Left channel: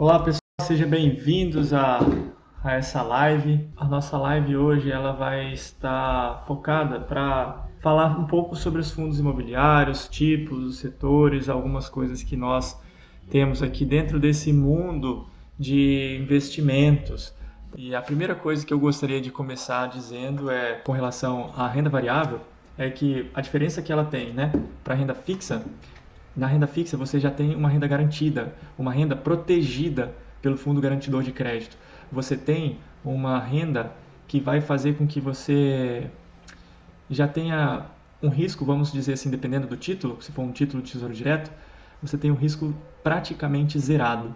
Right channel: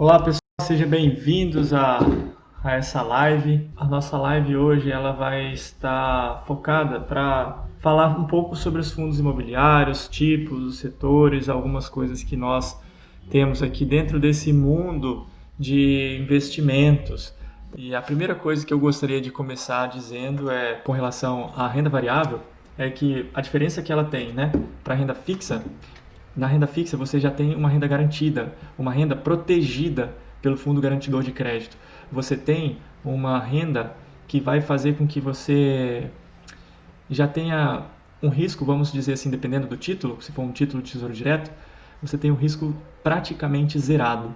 Olá pessoal, sejam bem-vindos a essa live. A nossa live hoje ela vai estar focada para falar um pouco sobre os fundos imobiliários, tipos, os setores, algumas coisas que nós temos aqui dentro desse mundo de investimentos. E a primeira coisa que eu gostaria de começar dizendo é com relação à renda variável, é que a diferença que ela tem, né, para a renda fixa. Na renda fixa, você já tem uma renda garantida, uma renda protegida pelo Fundo Garantidor de Crédito. Você tem uma renda que vai fazer com que você já tenha um risco, vamos dizer assim, dependendo do título, se for um título de tesouro direto, você tem um risco praticamente zerado.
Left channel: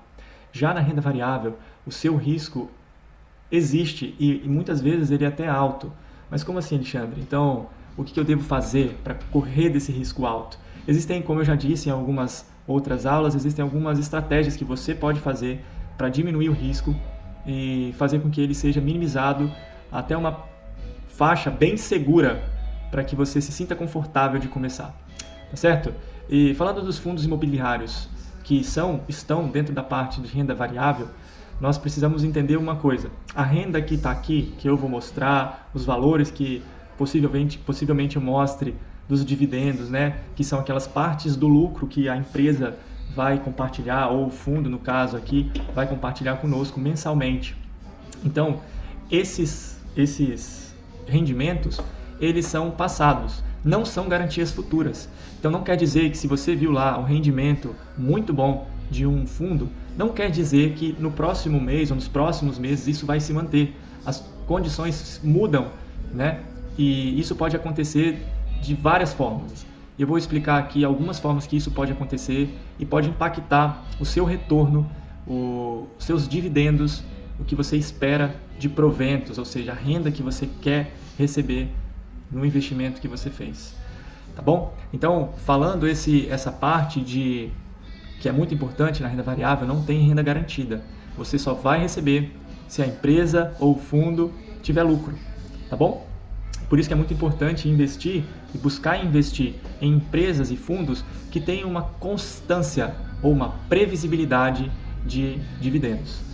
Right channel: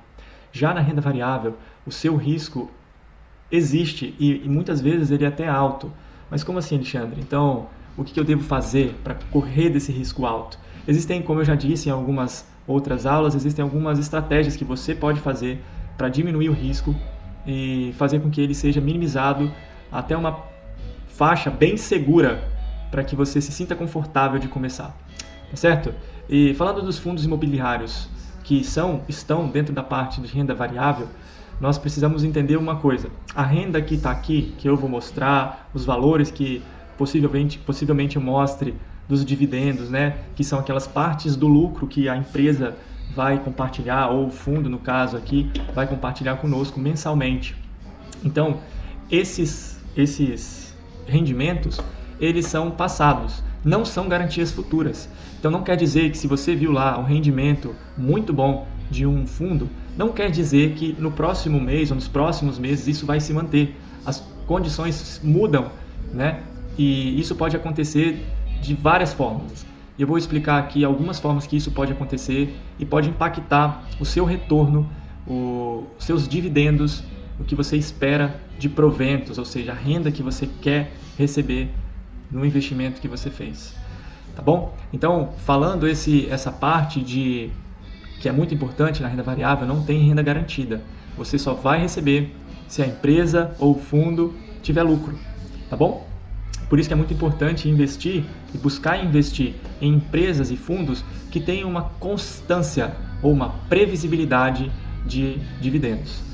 Já na renda variável, o seu risco existe e muitas vezes ele é até alto. Mas como assim, Alexandre? Então, o que eu devo fazer para correr desse risco alto? Existem, como eu já disse em algumas outras aulas, existem algumas estratégias que você pode fazer para diminuir o risco e fazer com que ele seja minimizado até uma faixa bem segura para que você se sinta confortável de começar, tá certo? E falando dos fundos imobiliários que estão dentro da parte de renda variável, nós precisamos entender uma coisa. A renda que está aqui, que eu vou mostrar, os valores que possivelmente eu mostre dos dividendos, né, que são aquelas partes do lucro que a empresa vai compartilhar, ou o fundo, no caso aqui, vai compartilhar conosco mensalmente. Então, esses rendimentos, eles são passados, não são garantias futuras. Então, não quer dizer que se você viu lá um rendimento muito bom de um fundo, não quer dizer que no próximo mês ou nos próximos meses isso vai se manter. As condições mudam, né? E isso pode acontecer de várias formas. Eu vou explicar aqui algumas formas que isso pode acontecer e pode impactar o seu retorno, os seus dividendos, o que você espera de proventos, ou seja, a renda que você quer receber no investimento que você fez. Tá bom? Então, falando essa parte de que é muito importante na renda variável, não tem renda garantida. Você só vai receber se a empresa ou o fundo tiver lucro, tá bom? Por isso que é muito importante investir e buscar investir em empresas e fundos que tenham uma constância ou uma previsibilidade de dividendos.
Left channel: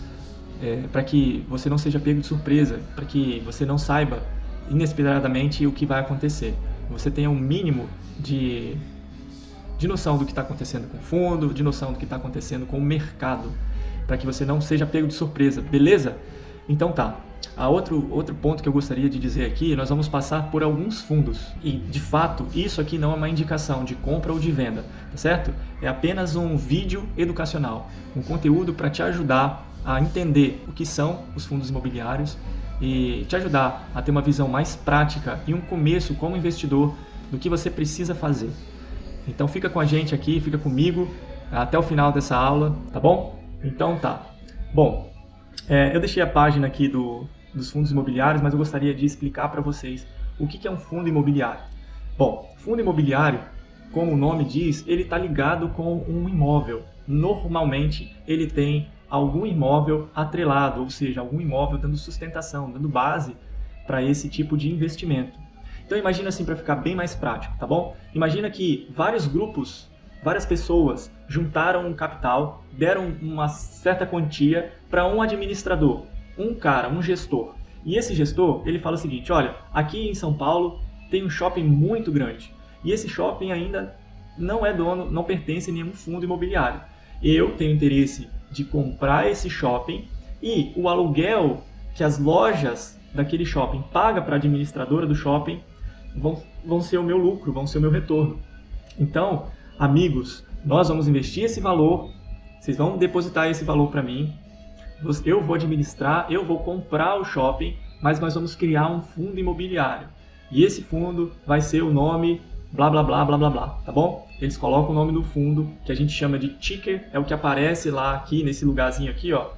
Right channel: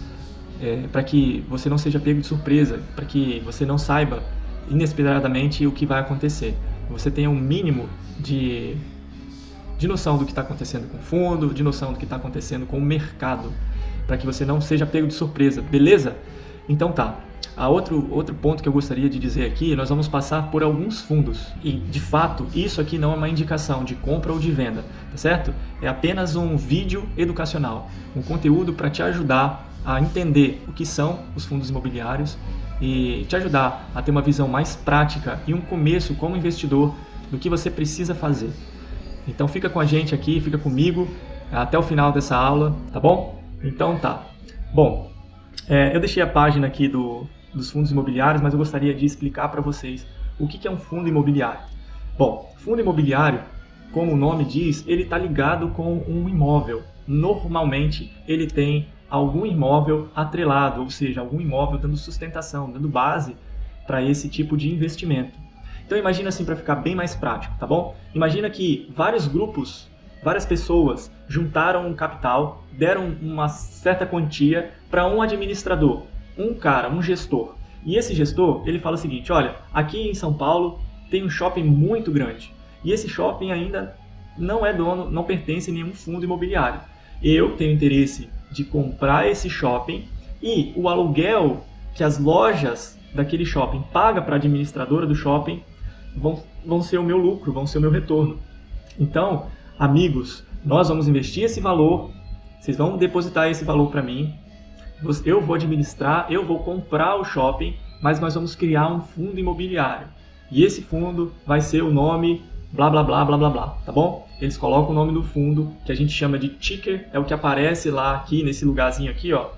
Para que você não seja pego de surpresa, para que você não saiba inesperadamente o que vai acontecer. Você tenha um mínimo de noção do que está acontecendo com o fundo, de noção do que está acontecendo com o mercado, para que você não seja pego de surpresa, beleza? Então tá. Outro ponto que eu gostaria de dizer aqui, nós vamos passar por alguns fundos e, de fato, isso aqui não é uma indicação de compra ou de venda, tá certo? É apenas um vídeo educacional, um conteúdo para te ajudar a entender o que são os fundos imobiliários e te ajudar a ter uma visão mais prática e um começo como investidor do que você precisa fazer. Então fica com a gente aqui, fica comigo até o final dessa aula, tá bom? Então tá. Bom, eu deixei a página aqui dos fundos imobiliários, mas eu gostaria de explicar para vocês o que é um fundo imobiliário. Bom, fundo imobiliário, como o nome diz, ele está ligado com um imóvel. Normalmente ele tem algum imóvel atrelado, ou seja, algum imóvel dando sustentação, dando base para esse tipo de investimento. Então imagina assim, para ficar bem mais prático, tá bom? Imagina que vários grupos, várias pessoas juntaram um capital, deram uma certa quantia para um administrador, um cara, um gestor. E esse gestor, ele fala o seguinte, olha, aqui em São Paulo tem um shopping muito grande. E esse shopping ainda não é dono, não pertence a nenhum fundo imobiliário. Eu tenho interesse de comprar esse shopping e o aluguel que as lojas daquele shopping pagam para a administradora do shopping vão ser o meu lucro, vão ser o meu retorno. Então, amigos, nós vamos investir esse valor, vocês vão depositar esse valor para mim, eu vou administrar, eu vou comprar o shopping, mas nós vamos criar um fundo imobiliário. E esse fundo vai ser o nome blá blá blá blá blá blá, tá bom? Eles colocam o nome do fundo, que a gente chama de ticker, é o que aparece lá aqui, nesse lugarzinho aqui, ó.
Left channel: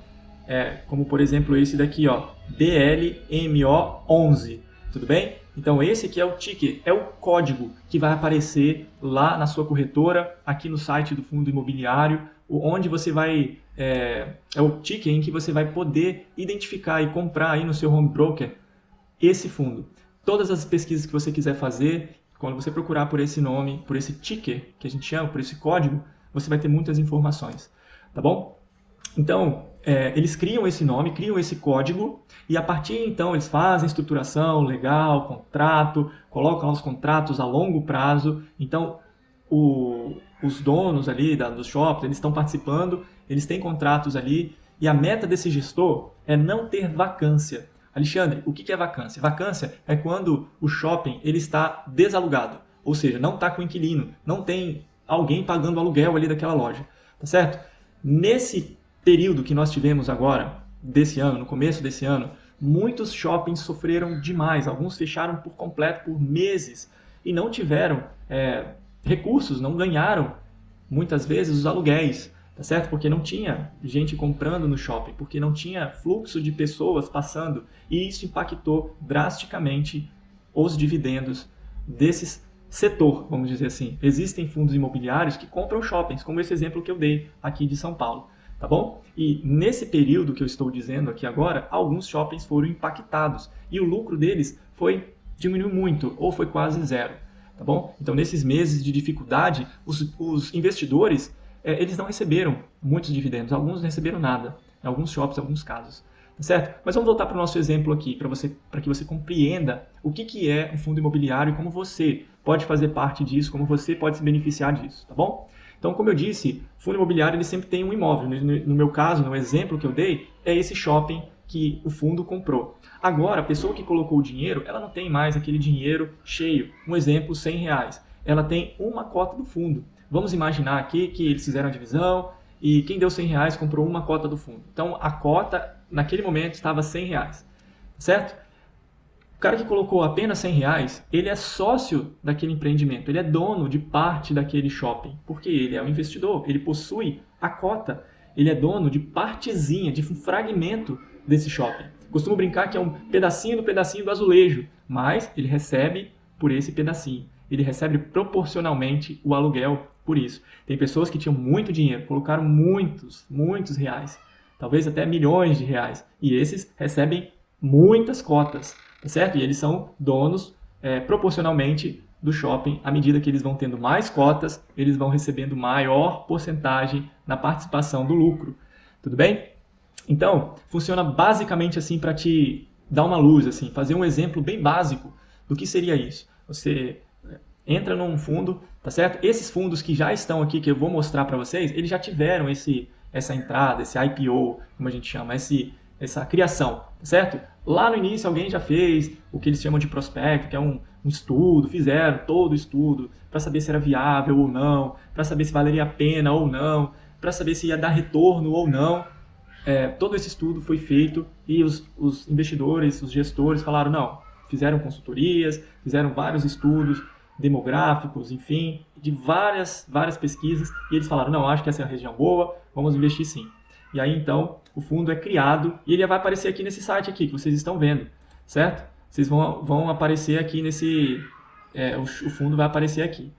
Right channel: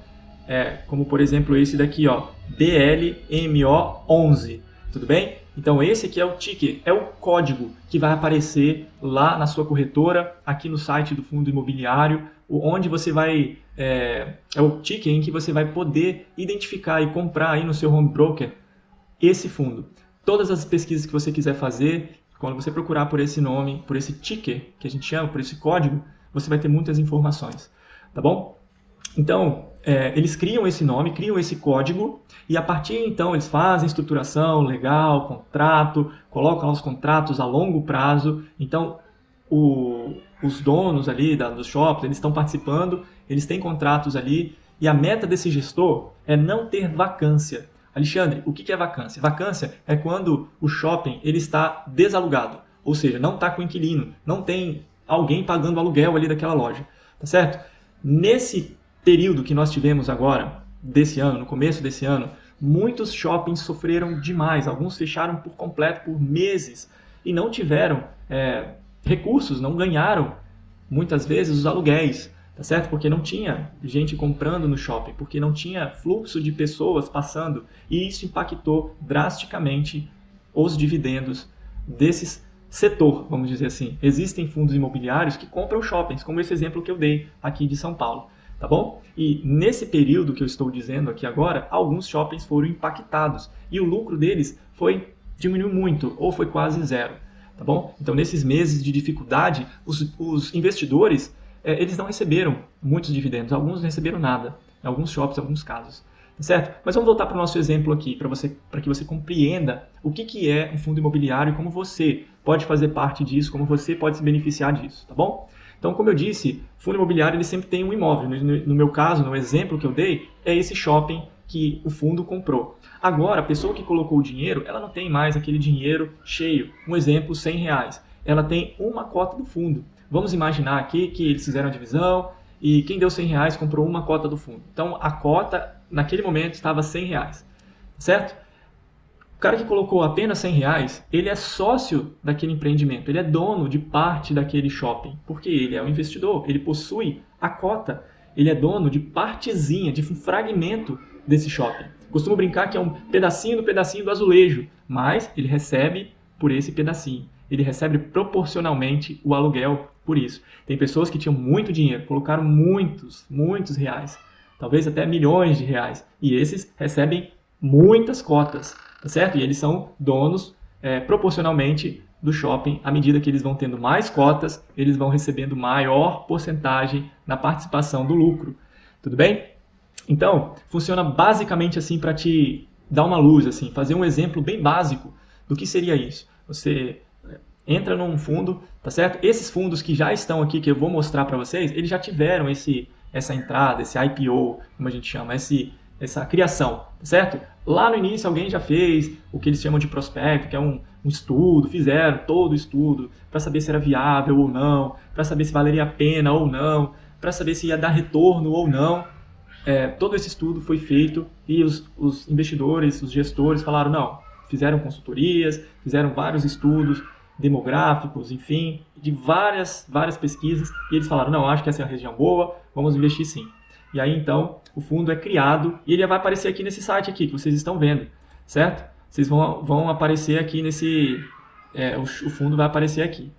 Como por exemplo esse daqui, ó, DLMO11, tudo bem? Então esse aqui é o ticker, é o código que vai aparecer lá na sua corretora, aqui no site do fundo imobiliário, onde você vai, é o ticker em que você vai poder identificar e comprar aí no seu home broker esse fundo. Todas as pesquisas que você quiser fazer, quando você procurar por esse nome, por esse ticker, que a gente chama, por esse código, você vai ter muitas informações, tá bom? Então, eles criam esse nome, criam esse código, e a partir então eles fazem estruturação legal, contrato, colocam os contratos a longo prazo. Então, os donos ali dos shoppings, eles estão participando, eles têm contratos ali, e a meta desse gestor é não ter vacância. Alexandre, o que é vacância? Vacância é quando o shopping ele está desalugado, ou seja, não está com inquilino, não tem alguém pagando aluguel ali daquela loja, tá certo? Nesse período que nós tivemos agora, desse ano, no começo desse ano, muitos shoppings sofreram demais, alguns fecharam por completo por meses e não tiveram recursos, não ganharam muitas vezes os aluguéis, tá certo? Porque não tinha gente comprando no shopping, porque não tinha fluxo de pessoas passando e isso impactou drasticamente os dividendos desse setor, vamos dizer assim. Existem fundos imobiliários que compram shoppings, como esse exemplo que eu dei aqui de São Paulo, tá bom? E nesse período que eu estou dizendo aqui agora, alguns shoppings foram impactados e o lucro deles diminuiu muito ou foi quase zero. Tá bom? Então, nesses meses de dificuldade, os investidores eles não receberam muitos dividendos, alguns não receberam nada, em alguns shoppings, em alguns casos. Tá certo? Mas vamos voltar para o nosso exemplo aqui, para que você compreenda o que é um fundo imobiliário e como você pode fazer parte disso, como você pode se beneficiar disso, tá bom? Então, como eu disse, fundo imobiliário ele sempre tem um imóvel. No meu caso, no exemplo que eu dei, é esse shopping que o fundo comprou. Agora, a pessoa que colocou o dinheiro, ela não tem mais aquele dinheiro cheio. Um exemplo, R$ 100. Ela tem uma cota do fundo. Vamos imaginar aqui que eles fizeram a divisão e quem deu R$ 100 comprou uma cota do fundo. Então, a cota, naquele momento, estava R$ 100, certo? O cara que colocou apenas R$ 100, ele é sócio daquele empreendimento, ele é dono de parte daquele shopping, porque ele é um investidor, ele possui a cota, ele é dono de partezinha, de um fragmento desse shopping. Costumo brincar que é um pedacinho do azulejo, mas ele recebe por esse pedacinho. Ele recebe proporcionalmente o aluguel por isso. Tem pessoas que tinham muito dinheiro, colocaram muitos reais, talvez até milhões de reais, e esses recebem muitas cotas, tá certo? E eles são donos proporcionalmente do shopping. À medida que eles vão tendo mais cotas, eles vão recebendo maior porcentagem na participação do lucro. Tudo bem? Então, funciona basicamente assim para te dar uma luz, assim, fazer um exemplo bem básico do que seria isso. Você entra num fundo, tá certo? Esses fundos que já estão aqui, que eu vou mostrar para vocês, eles já tiveram essa entrada, esse IPO, como a gente chama, essa criação, tá certo? Lá no início alguém já fez o que eles chamam de prospecto, que é um estudo, fizeram todo o estudo para saber se era viável ou não, para saber se valeria a pena ou não, para saber se ia dar retorno ou não. Todo esse estudo foi feito e os investidores, os gestores falaram, não, fizeram consultorias, fizeram vários estudos demográficos, enfim, de várias pesquisas, e eles falaram, não, acho que essa é a região boa, vamos investir sim. E aí, então, o fundo é criado e ele vai aparecer aqui nesse site aqui, que vocês estão vendo, certo? Vocês vão aparecer aqui o fundo vai aparecer aqui,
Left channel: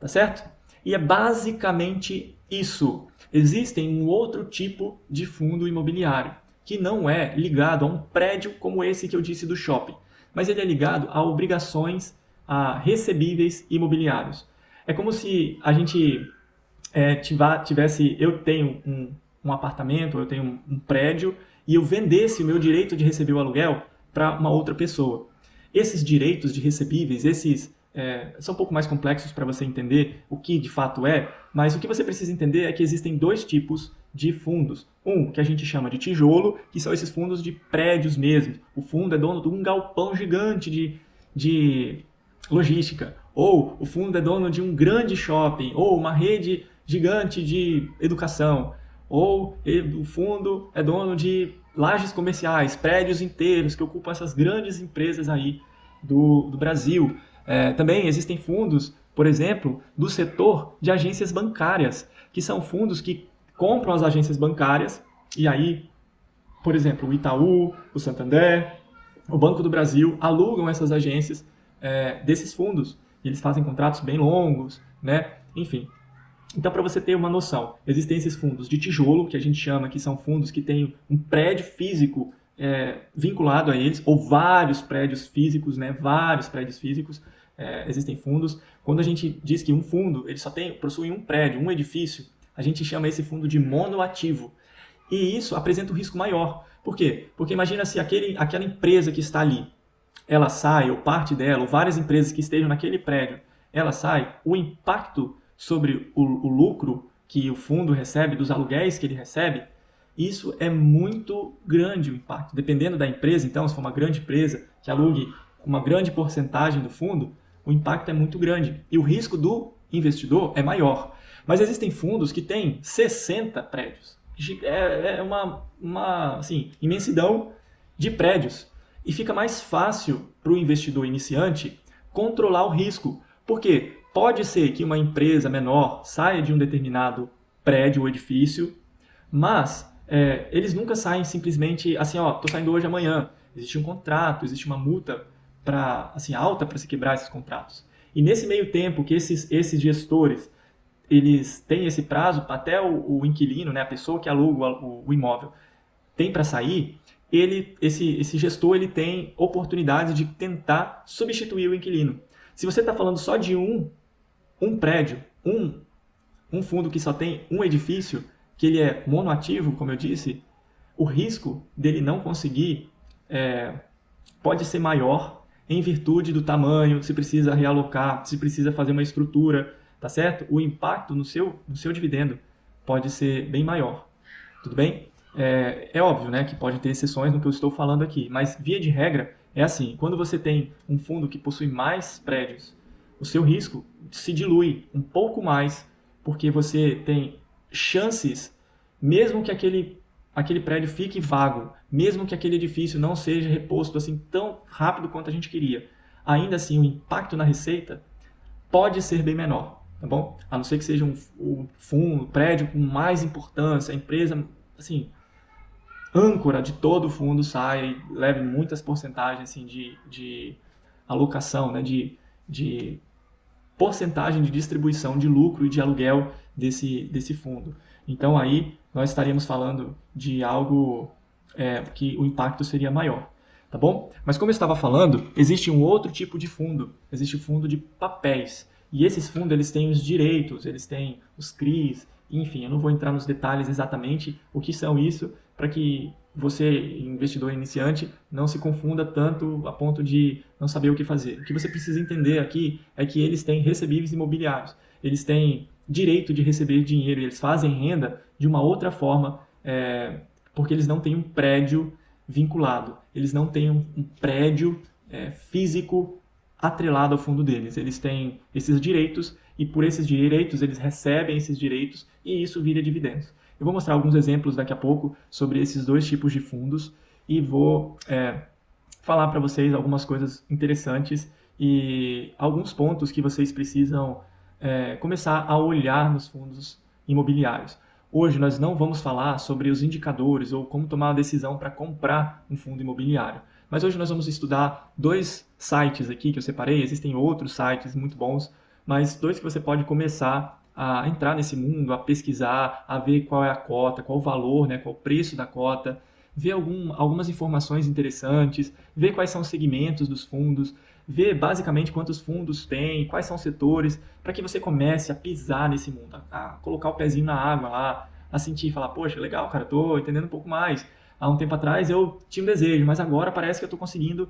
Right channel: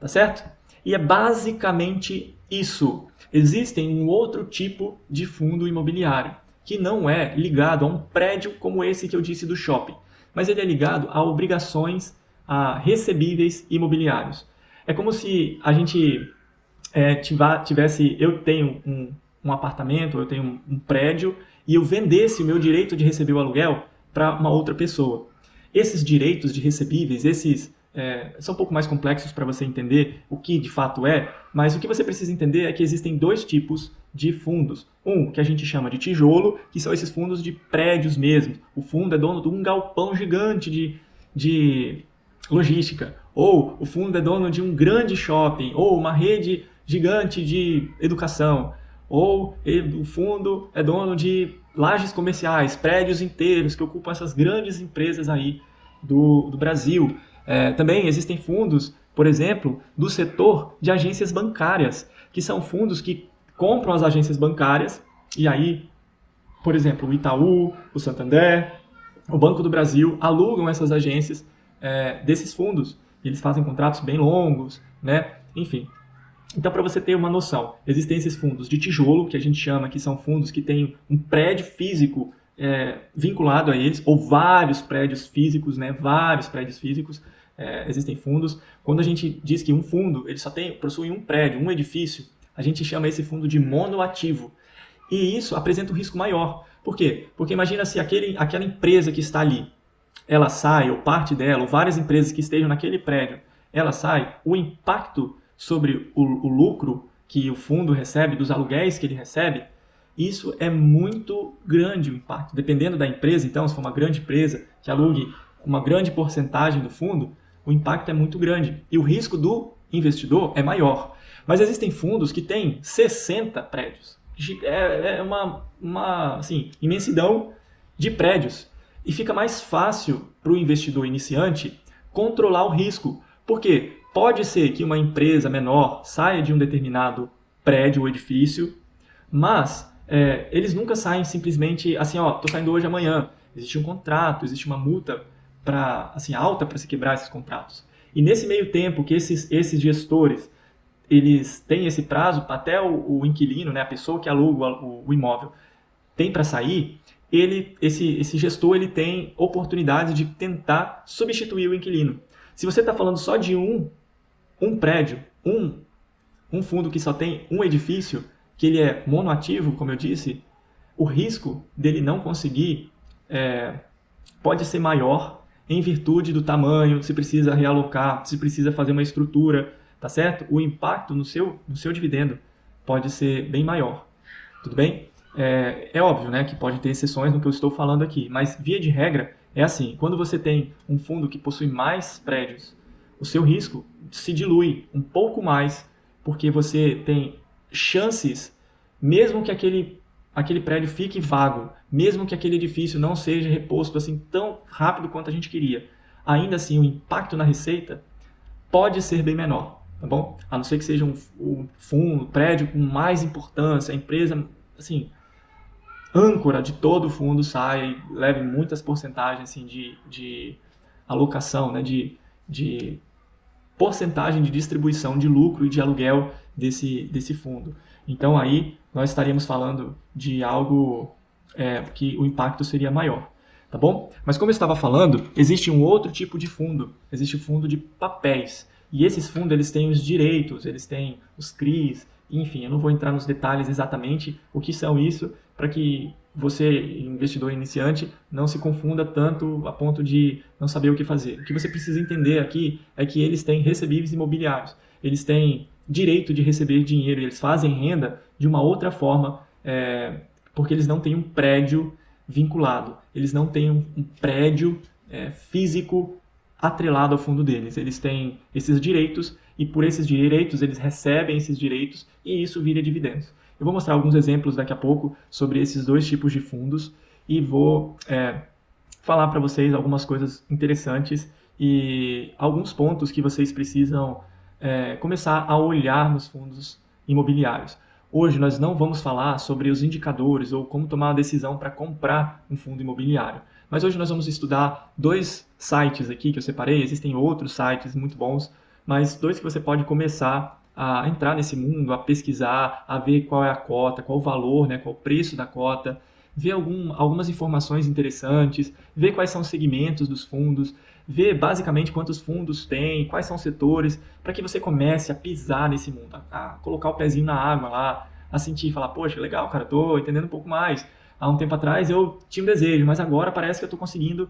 tá certo? E é basicamente isso. Existem um outro tipo de fundo imobiliário, que não é ligado a um prédio como esse que eu disse do shopping, mas ele é ligado a obrigações, a recebíveis imobiliários. É como se a gente eu tenho um apartamento, eu tenho um prédio, e eu vendesse o meu direito de receber o aluguel para uma outra pessoa. Esses direitos de recebíveis, são um pouco mais complexos para você entender o que de fato é, mas o que você precisa entender é que existem dois tipos de fundos. Um que a gente chama de tijolo, que são esses fundos de prédios mesmo. O fundo é dono de um galpão gigante de logística. Ou o fundo é dono de um grande shopping, ou uma rede gigante de educação. Ou o fundo é dono de lajes comerciais, prédios inteiros que ocupam essas grandes empresas aí do Brasil. Também existem fundos, por exemplo, do setor de agências bancárias, que são fundos que compram as agências bancárias e aí, por exemplo, o Itaú, o Santander, o Banco do Brasil alugam essas agências desses fundos. E eles fazem contratos bem longos, né? Enfim. Então, para você ter uma noção, existem esses fundos de tijolo, que a gente chama que são fundos que têm um prédio físico vinculado a eles, ou vários prédios físicos, né? Vários prédios físicos. Existem fundos. Quando a gente diz que um fundo ele só possui um prédio, um edifício, a gente chama esse fundo de monoativo. E isso apresenta um risco maior. Por quê? Porque imagina se aquela empresa que está ali, ela sai, ou parte dela, ou várias empresas que estejam naquele prédio, ela sai, o impacto sobre o lucro que o fundo recebe, dos aluguéis que ele recebe, isso é muito grande o impacto. Dependendo da empresa, então, se for uma grande empresa que alugue uma grande porcentagem do fundo, o impacto é muito grande. E o risco do investidor é maior. Mas existem fundos que têm 60 prédios. É uma assim, imensidão de prédios. E fica mais fácil para o investidor iniciante controlar o risco. Por quê? Pode ser que uma empresa menor saia de um determinado prédio ou edifício, mas eles nunca saem simplesmente assim, ó, tô saindo hoje amanhã. Existe um contrato, existe uma multa assim, alta para se quebrar esses contratos. E nesse meio tempo que esses gestores eles têm esse prazo até o inquilino, né, a pessoa que aluga o imóvel, tem para sair, esse gestor ele tem oportunidade de tentar substituir o inquilino. Se você está falando só de um prédio, um fundo que só tem um edifício, que ele é monoativo, como eu disse, o risco dele não conseguir pode ser maior em virtude do tamanho, se precisa realocar, se precisa fazer uma estrutura, tá certo? O impacto no seu dividendo pode ser bem maior, tudo bem? É óbvio, né, que pode ter exceções no que eu estou falando aqui, mas via de regra é assim, quando você tem um fundo que possui mais prédios, o seu risco se dilui um pouco mais, porque você tem chances, mesmo que aquele prédio fique vago, mesmo que aquele edifício não seja reposto assim tão rápido quanto a gente queria, ainda assim o impacto na receita pode ser bem menor, tá bom? A não ser que seja um fundo, um prédio com mais importância, a empresa, assim, âncora de todo o fundo saia e leve muitas porcentagens assim, de alocação, né, de porcentagem de distribuição de lucro e de aluguel desse fundo. Então aí nós estaríamos falando de algo que o impacto seria maior, tá bom? Mas como eu estava falando, existe um outro tipo de fundo, existe o fundo de papéis. E esses fundos eles têm os direitos, eles têm os CRIs, enfim, eu não vou entrar nos detalhes exatamente o que são isso, para que você, investidor iniciante, não se confunda tanto a ponto de não saber o que fazer. O que você precisa entender aqui é que eles têm recebíveis imobiliários, eles têm direito de receber dinheiro, eles fazem renda de uma outra forma, porque eles não têm um prédio vinculado, eles não têm um prédio físico atrelado ao fundo deles. Eles têm esses direitos e por esses direitos eles recebem esses direitos e isso vira dividendos. Eu vou mostrar alguns exemplos daqui a pouco sobre esses dois tipos de fundos e vou falar para vocês algumas coisas interessantes e alguns pontos que vocês precisam começar a olhar nos fundos imobiliários. Hoje nós não vamos falar sobre os indicadores ou como tomar a decisão para comprar um fundo imobiliário. Mas hoje nós vamos estudar dois sites aqui que eu separei, existem outros sites muito bons, mas dois que você pode começar a entrar nesse mundo, a pesquisar, a ver qual é a cota, qual o valor, né, qual o preço da cota, ver algumas informações interessantes, ver quais são os segmentos dos fundos, ver basicamente quantos fundos tem, quais são os setores, para que você comece a pisar nesse mundo, a colocar o pezinho na água lá, a sentir, falar, poxa, legal, cara, estou entendendo um pouco mais. Há um tempo atrás eu tinha um desejo, mas agora parece que eu estou conseguindo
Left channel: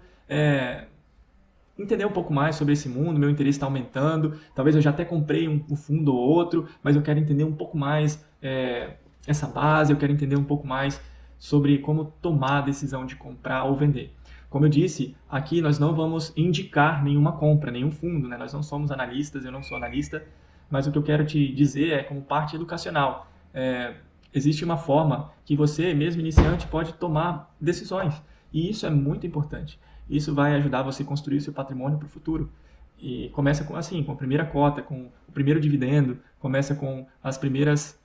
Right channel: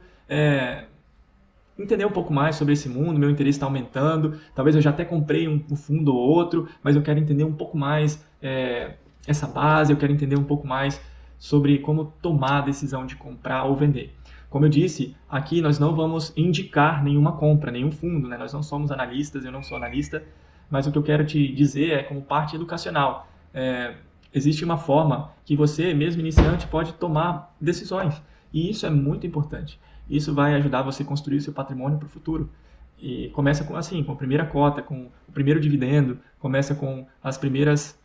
entender um pouco mais sobre esse mundo, meu interesse está aumentando, talvez eu já até comprei um fundo ou outro, mas eu quero entender um pouco mais essa base, eu quero entender um pouco mais sobre como tomar a decisão de comprar ou vender. Como eu disse, aqui nós não vamos indicar nenhuma compra, nenhum fundo, né? Nós não somos analistas, eu não sou analista, mas o que eu quero te dizer é como parte educacional. Existe uma forma que você, mesmo iniciante, pode tomar decisões, e isso é muito importante. Isso vai ajudar você a construir o seu patrimônio para o futuro. E começa com a primeira cota, com o primeiro dividendo, começa com as primeiras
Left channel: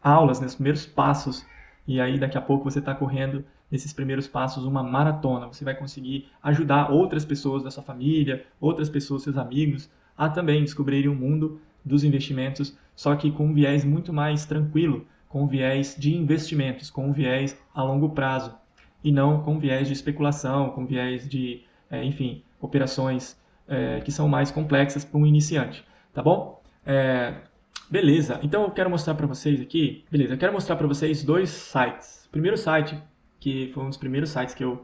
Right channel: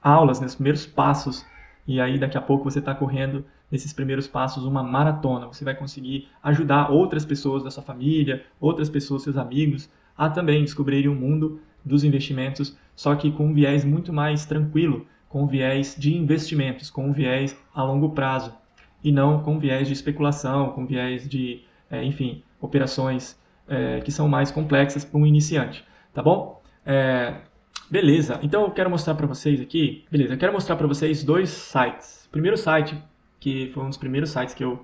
aulas, né, os primeiros passos, e aí daqui a pouco você está correndo nesses primeiros passos uma maratona. Você vai conseguir ajudar outras pessoas da sua família, outras pessoas, seus amigos, a também descobrirem o mundo dos investimentos, só que com um viés muito mais tranquilo, com um viés de investimentos, com um viés a longo prazo, e não com um viés de especulação, com um viés de, enfim, operações que são mais complexas para um iniciante, tá bom? Beleza, então eu quero mostrar para vocês aqui, beleza, eu quero mostrar para vocês dois sites. O primeiro site, que foi um dos primeiros sites que eu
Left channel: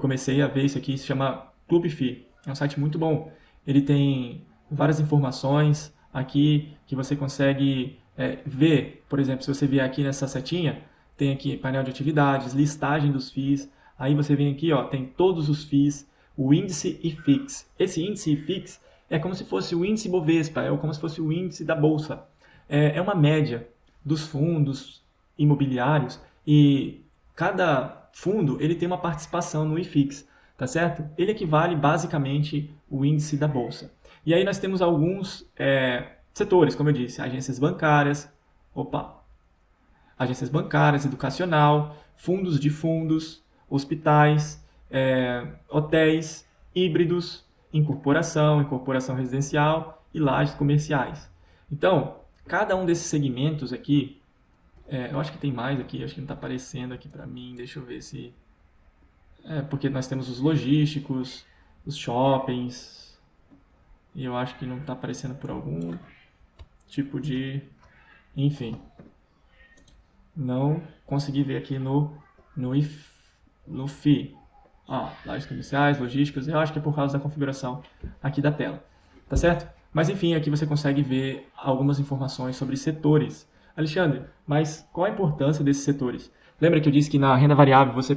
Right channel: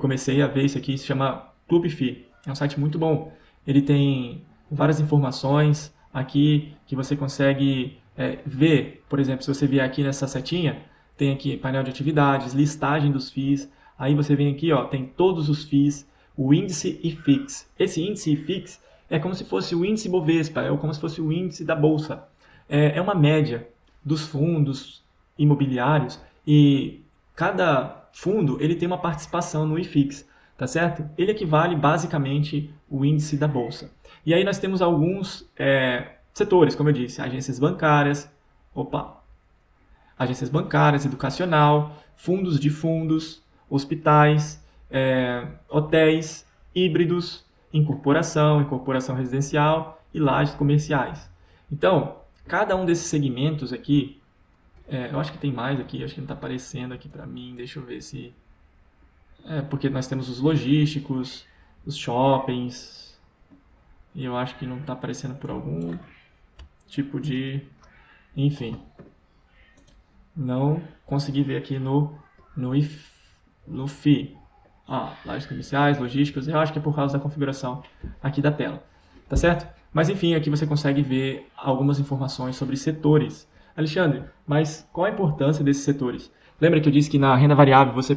comecei a ver isso aqui, se chama ClubFi. É um site muito bom. Ele tem várias informações aqui que você consegue ver. Por exemplo, se você vier aqui nessa setinha, tem aqui painel de atividades, listagem dos FIIs. Aí você vem aqui, ó, tem todos os FIIs, o índice IFIX. Esse índice IFIX é como se fosse o índice Bovespa, é como se fosse o índice da Bolsa. É uma média dos fundos imobiliários e cada fundo ele tem uma participação no IFIX, tá certo? Ele equivale basicamente o índice da Bolsa. E aí nós temos alguns setores, como eu disse, agências bancárias, educacional, fundos de fundos, hospitais, hotéis, híbridos, incorporação residencial e lajes comerciais. Então, cada um desses segmentos aqui, eu acho que tem mais aqui, acho que não está aparecendo aqui para mim, deixa eu ver se... porque nós temos os logísticos, os shoppings, e eu acho que não está aparecendo por algum tipo de... Enfim, não consegui ver aqui no FI. Lajes comerciais, logísticas, eu acho que é por causa da configuração aqui da tela, tá certo? Mas enfim, aqui você consegue ver algumas informações sobre setores. Alexandre, mas qual a importância desses setores? Lembra que eu disse que na renda variável você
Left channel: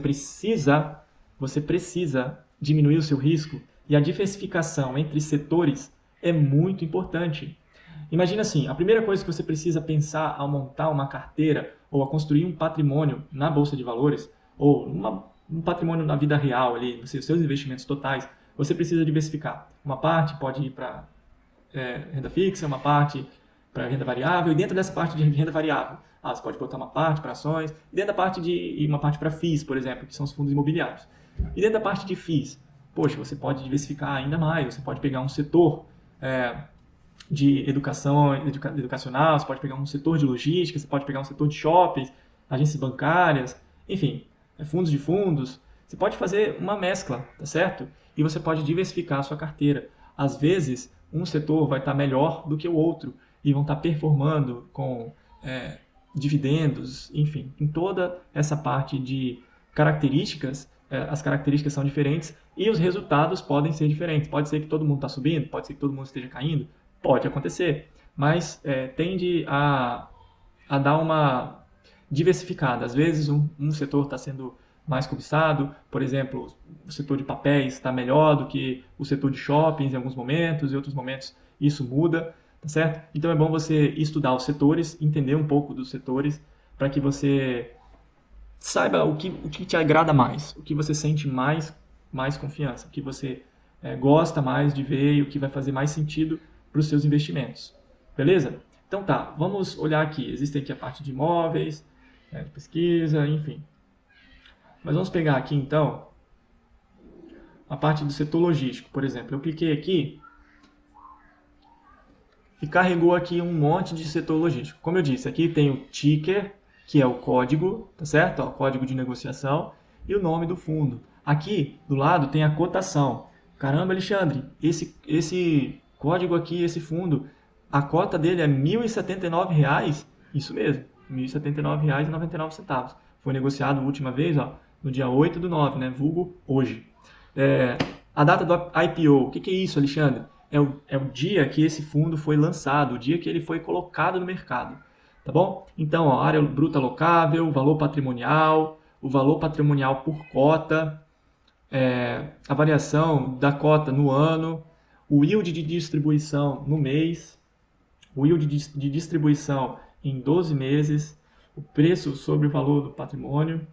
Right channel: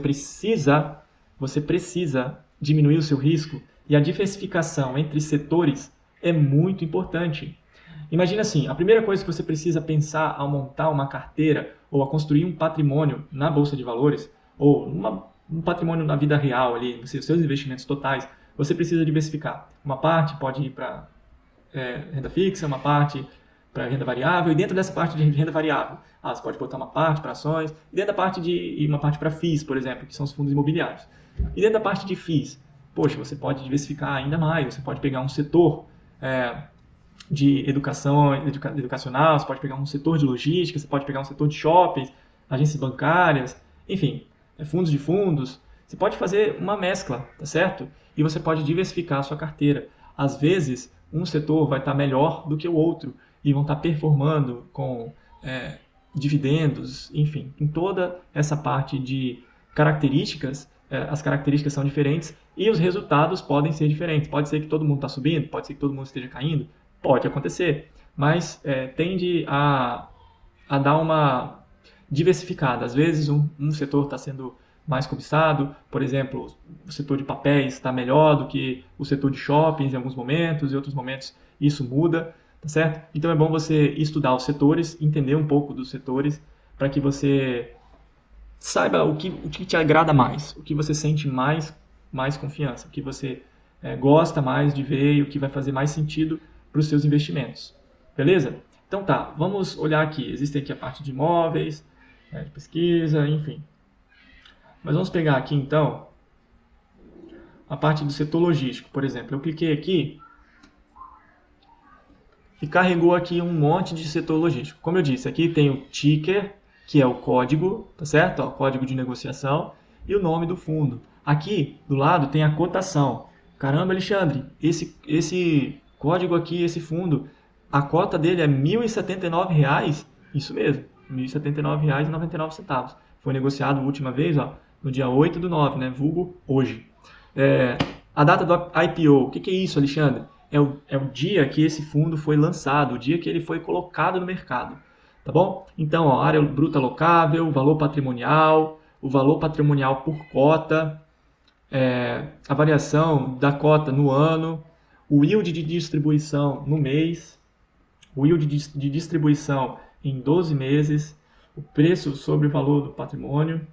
precisa diminuir o seu risco e a diversificação entre setores é muito importante. Imagina assim, a primeira coisa que você precisa pensar ao montar uma carteira ou a construir um patrimônio na Bolsa de Valores ou um patrimônio na vida real, ali, nos seus investimentos totais, você precisa diversificar. Uma parte pode ir para renda fixa, uma parte para renda variável, e dentro dessa parte de renda variável, você pode botar uma parte para ações, e dentro da parte e uma parte para FIIs, por exemplo, que são os fundos imobiliários. E dentro da parte de FIIs, poxa, você pode diversificar ainda mais, você pode pegar um setor de educacional, você pode pegar um setor de logística, você pode pegar um setor de shoppings, agências bancárias, enfim, fundos de fundos. Você pode fazer uma mescla, tá certo? E você pode diversificar a sua carteira. Às vezes, um setor vai estar melhor do que o outro e vão estar performando com dividendos, enfim, em toda essa parte de características, as características são diferentes e os resultados podem ser diferentes. Pode ser que todo mundo está subindo, pode ser que todo mundo esteja caindo, pode acontecer, mas tende a dar uma diversificada. Às vezes um setor está sendo mais cobiçado, por exemplo, o setor de papéis está melhor do que o setor de shoppings em alguns momentos, e em outros momentos isso muda, tá certo? Então é bom você estudar os setores, entender um pouco dos setores, para que você saiba o que te agrada mais, o que você sente mais confiança, o que você gosta mais de ver e o que vai fazer mais sentido para os seus investimentos. Beleza? Então tá, vamos olhar aqui. Existe aqui a parte de imóveis, de pesquisa, enfim. Mas vamos pegar aqui então a parte do setor logístico, por exemplo. Eu cliquei aqui e carregou aqui um monte de setor logístico. Como eu disse, aqui tem o ticker, que é o código, tá certo? O código de negociação e o nome do fundo. Aqui do lado tem a cotação. Caramba, Alexandre, esse código aqui, esse fundo, a cota dele é R$ 1.079? Isso mesmo, R$ 1.079,99. Foi negociado a última vez, no dia 8/9, né? Vulgo hoje. A data do IPO, o que é isso, Alexandre? É o dia que esse fundo foi lançado, o dia que ele foi colocado no mercado. Tá bom? Então, área bruta alocável, valor patrimonial, o valor patrimonial por cota, a variação da cota no ano, o yield de distribuição no mês, o yield de distribuição em 12 meses, o preço sobre o valor do patrimônio,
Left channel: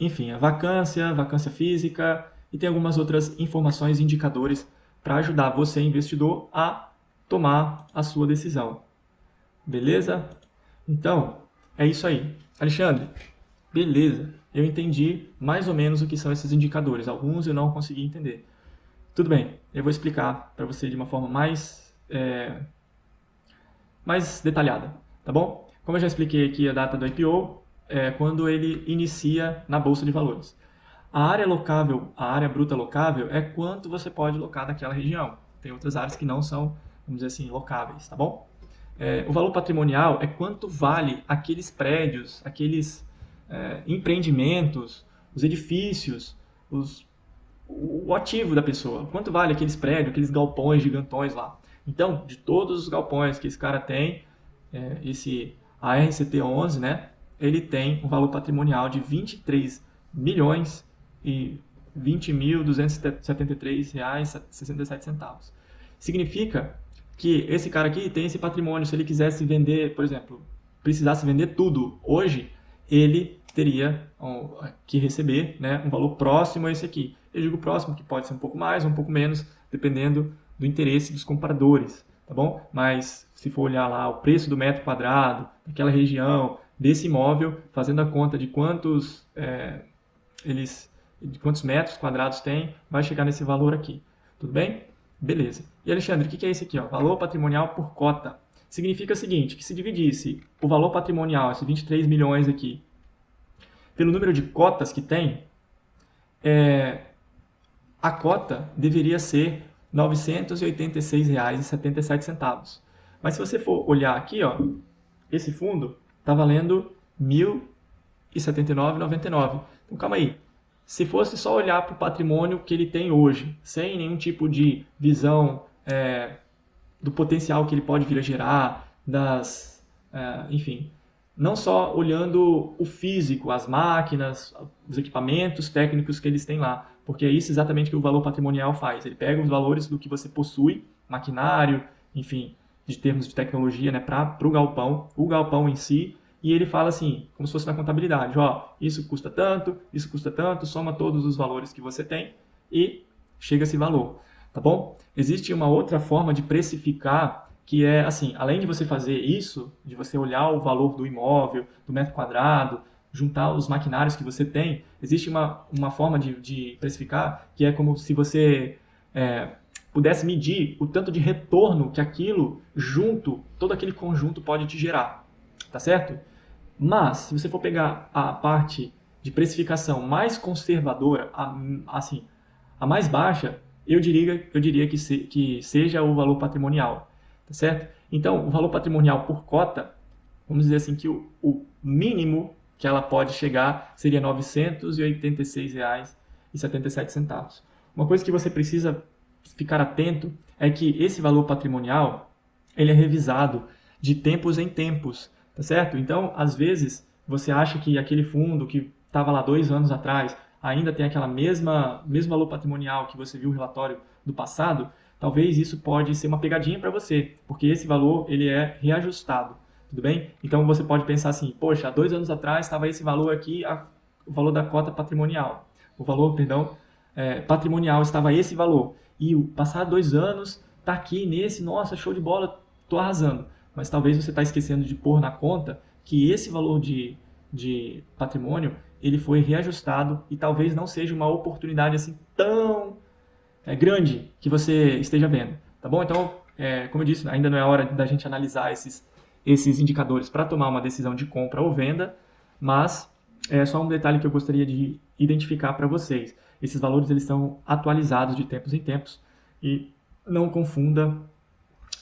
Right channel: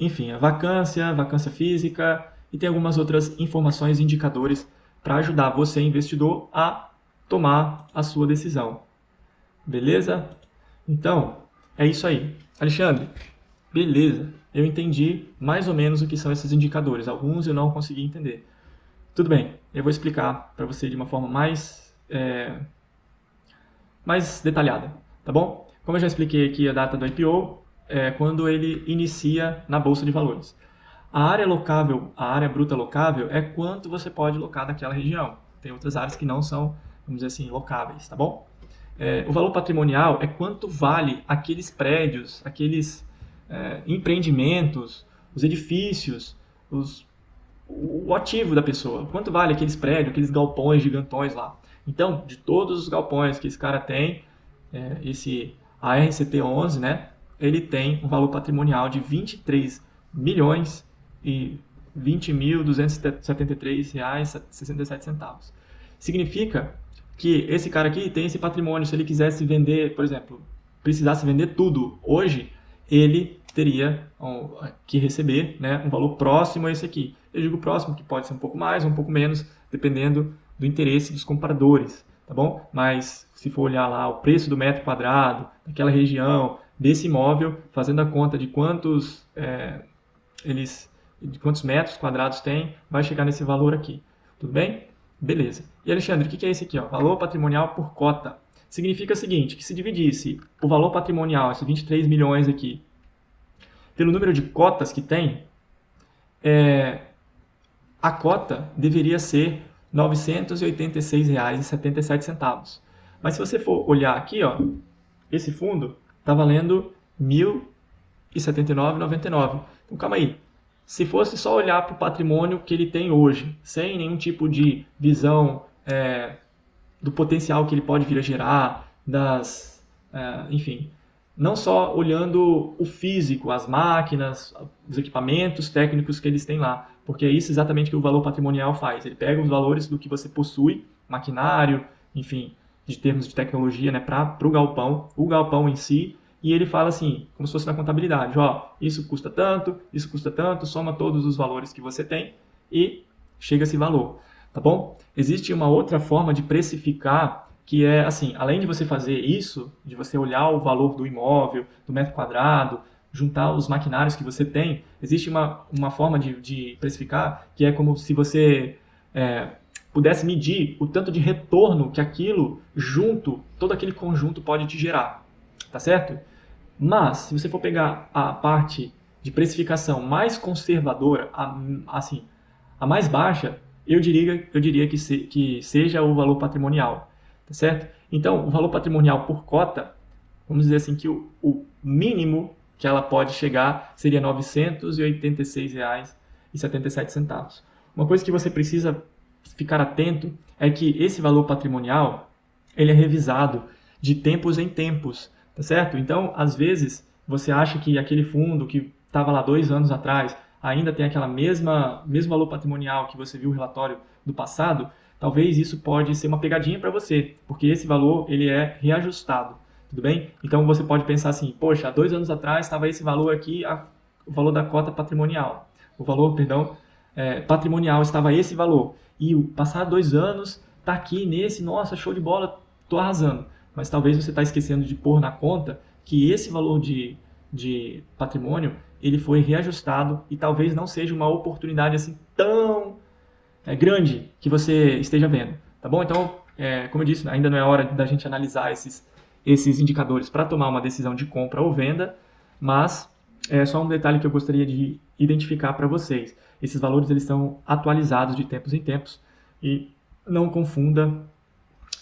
enfim, a vacância física e tem algumas outras informações e indicadores para ajudar você, investidor, a tomar a sua decisão. Beleza? Então, é isso aí. Alexandre, beleza. Eu entendi mais ou menos o que são esses indicadores. Alguns eu não consegui entender. Tudo bem, eu vou explicar para você de uma forma mais detalhada, tá bom? Como eu já expliquei aqui a data do IPO, quando ele inicia na Bolsa de Valores. A área bruta locável é quanto você pode locar daquela região. Tem outras áreas que não são vamos dizer assim, locáveis, tá bom? O valor patrimonial é quanto vale aqueles prédios, aqueles empreendimentos, os edifícios, o ativo da pessoa. Quanto vale aqueles prédios, aqueles galpões gigantões lá. Então, de todos os galpões que esse cara tem, esse ANCT11, né, ele tem um valor patrimonial de 23 milhões e 20.273 reais e 67 centavos. Significa que esse cara aqui tem esse patrimônio. Se ele quisesse vender, por exemplo, precisasse vender tudo hoje, ele teria que receber, né, um valor próximo a esse aqui. Eu digo próximo, que pode ser um pouco mais ou um pouco menos, dependendo do interesse dos compradores, tá bom? Mas se for olhar lá o preço do metro quadrado, daquela região, desse imóvel, fazendo a conta de quantos metros quadrados tem, vai chegar nesse valor aqui. Tudo bem? Beleza. E Alexandre, o que é esse aqui? Ó? Valor patrimonial por cota. Significa o seguinte, que se dividisse o valor patrimonial, esses 23 milhões aqui, pelo número de cotas que tem, a cota deveria ser R$ 986,77. Mas se você for olhar aqui, ó, esse fundo está valendo R$ 1.079,99. Então, calma aí. Se fosse só olhar para o patrimônio que ele tem hoje, sem nenhum tipo de visão do potencial que ele pode vir a gerar, enfim, não só olhando o físico, as máquinas, os equipamentos técnicos que eles têm lá, porque é isso exatamente que o valor patrimonial faz. Ele pega os valores do que você possui, maquinário, enfim, de termos de tecnologia, né, para o galpão em si, e ele fala assim, como se fosse na contabilidade, ó, isso custa tanto, soma todos os valores que você tem e chega a esse valor, tá bom? Existe uma outra forma de precificar, que é assim, além de você fazer isso, de você olhar o valor do imóvel, do metro quadrado, juntar os maquinários que você tem, existe uma forma de precificar, que é como se você pudesse medir o tanto de retorno que aquilo todo aquele conjunto pode te gerar, tá certo? Mas, se você for pegar a parte de precificação mais conservadora, a mais baixa, eu diria que seja o valor patrimonial, tá certo? Então, o valor patrimonial por cota, vamos dizer assim que o mínimo que ela pode chegar seria R$ 986,77. Uma coisa que você precisa ficar atento é que esse valor patrimonial ele é revisado de tempos em tempos, tá certo? Então, às vezes, você acha que aquele fundo que estava lá 2 anos atrás ainda tem aquela mesmo valor patrimonial que você viu no relatório do passado, talvez isso pode ser uma pegadinha para você, porque esse valor ele é reajustado, tudo bem? Então, você pode pensar assim, poxa, há 2 anos atrás estava esse valor aqui, o valor da cota patrimonial. O valor, patrimonial estava esse valor. E passado 2 anos, está aqui nesse, nossa, show de bola, estou arrasando. Mas talvez você está esquecendo de pôr na conta que esse valor de patrimônio ele foi reajustado e talvez não seja uma oportunidade assim tão grande que você esteja vendo, tá bom? Então, como eu disse, ainda não é hora da gente analisar esses indicadores para tomar uma decisão de compra ou venda, mas é só um detalhe que eu gostaria de identificar para vocês. Esses valores eles estão atualizados de tempos em tempos e não confunda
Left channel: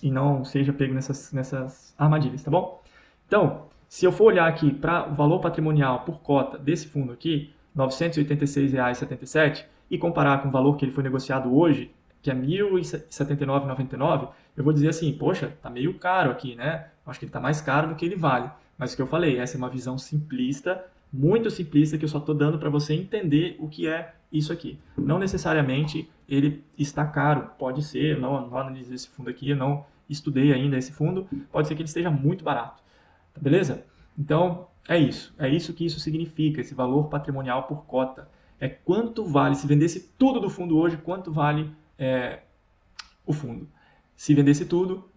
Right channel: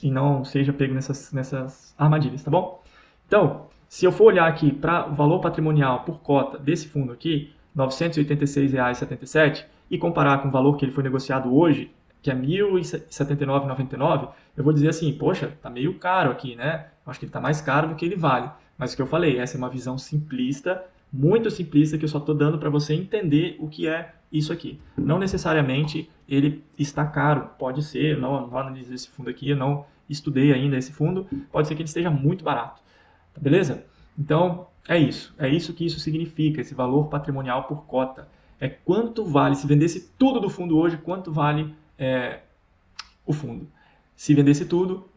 e não seja pego nessas armadilhas, tá bom? Então, se eu for olhar aqui para o valor patrimonial por cota desse fundo aqui, R$ 986,77, e comparar com o valor que ele foi negociado hoje, que é R$ 1.079,99, eu vou dizer assim, poxa, tá meio caro aqui, né? Acho que ele está mais caro do que ele vale. Mas o que eu falei, essa é uma visão simplista, muito simplista, que eu só estou dando para você entender o que é isso aqui. Não necessariamente ele está caro, pode ser, eu não analisei esse fundo aqui, eu não estudei ainda esse fundo, pode ser que ele esteja muito barato, tá beleza? Então, é isso que isso significa, esse valor patrimonial por cota. É quanto vale, se vendesse tudo do fundo hoje, quanto vale o fundo. Se vendesse tudo,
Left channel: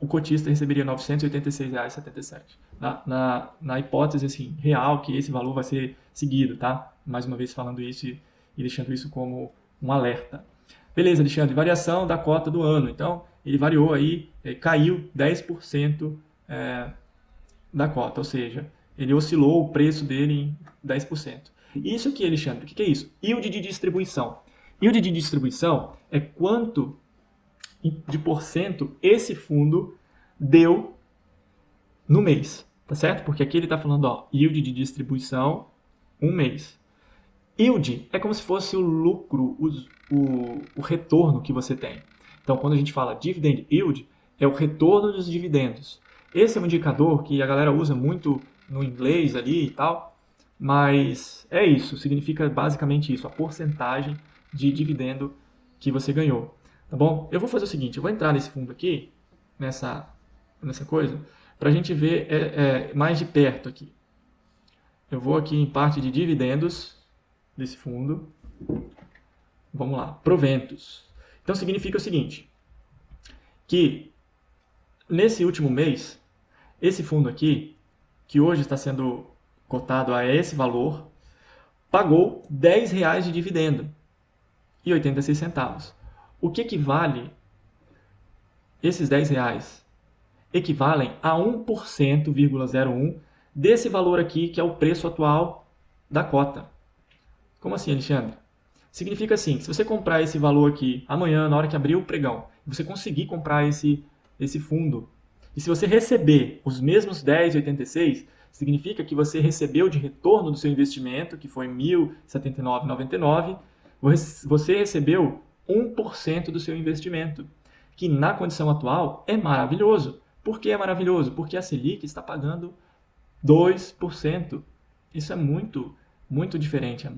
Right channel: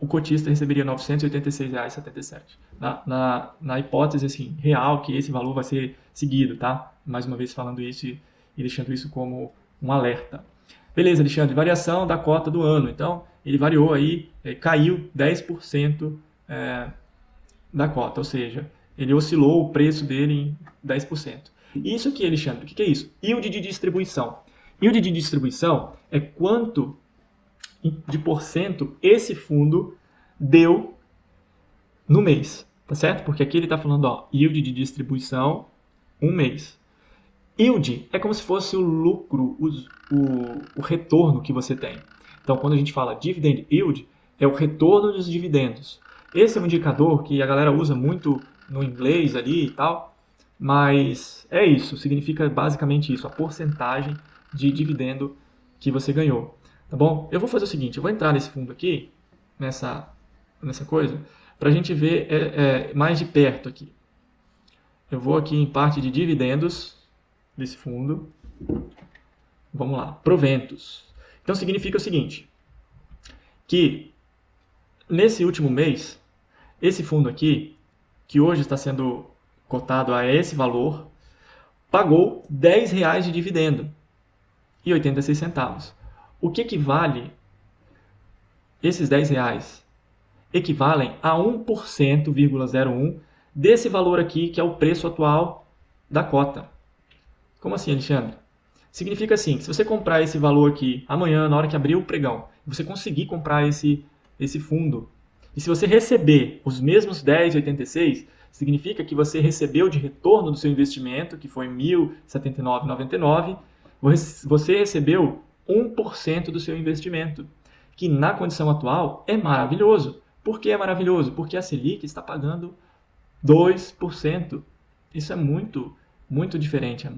o cotista receberia R$ 986,77. Na hipótese assim, real que esse valor vai ser seguido, tá? Mais uma vez falando isso e deixando isso como um alerta. Beleza, Alexandre, variação da cota do ano. Então, ele variou aí, caiu 10% da cota, ou seja, ele oscilou o preço dele em 10%. Isso aqui, Alexandre, o que é isso? Yield de distribuição. Yield de distribuição é quanto de porcento esse fundo deu no mês, tá certo? Porque aqui ele está falando, ó, yield de distribuição, um mês. Yield é como se fosse o lucro, o retorno que você tem. Então, quando a gente fala dividend yield, é o retorno dos dividendos. Esse é um indicador que a galera usa muito no inglês ali e tal, mas é isso, significa basicamente isso, a porcentagem de dividendo que você ganhou. Tá bom? Eu vou fazer o seguinte, eu vou entrar nesse fundo aqui, nessa coisa, para a gente ver mais de perto aqui. Eu vou aqui em parte de dividendos desse fundo. Vamos lá, proventos. Então significa o seguinte, que nesse último mês, esse fundo aqui, que hoje está sendo cotado a esse valor, pagou R$10 de dividendo e 86 centavos. O que equivale esses R$10? Equivalem a 1,01% desse valor aqui, que é o preço atual da cota. Como assim, Alexandre? Significa assim, se você comprar esse valor aqui amanhã, na hora que abrir o pregão, você conseguir comprar esse fundo, e se você receber os mesmos 10,86, significa que você recebeu de retorno do seu investimento, que foi R$ 1.079,99, você recebeu 1% do seu investimento, que na condição atual é maravilhoso. Por que é maravilhoso? Porque a Selic está pagando 2%. Isso é muito, muito diferente,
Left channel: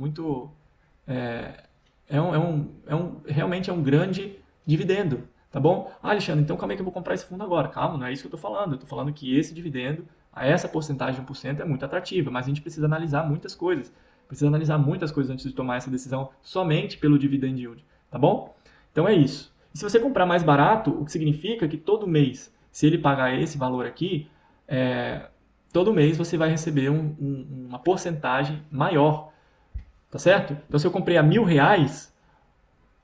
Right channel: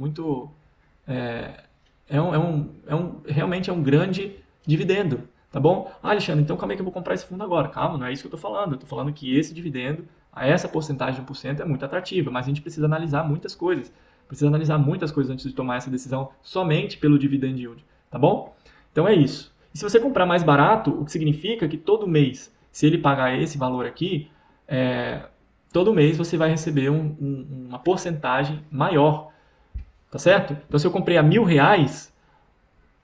realmente é um grande dividendo, tá bom? Ah, Alexandre, então como é que eu vou comprar esse fundo agora? Calma, não é isso que eu estou falando. Eu estou falando que esse dividendo, a essa porcentagem de 1% é muito atrativa, mas a gente precisa analisar muitas coisas. Precisa analisar muitas coisas antes de tomar essa decisão somente pelo dividend yield, tá bom? Então é isso. E se você comprar mais barato, o que significa que todo mês, se ele pagar esse valor aqui, todo mês você vai receber uma porcentagem maior, tá certo? Então se eu comprei a R$1.000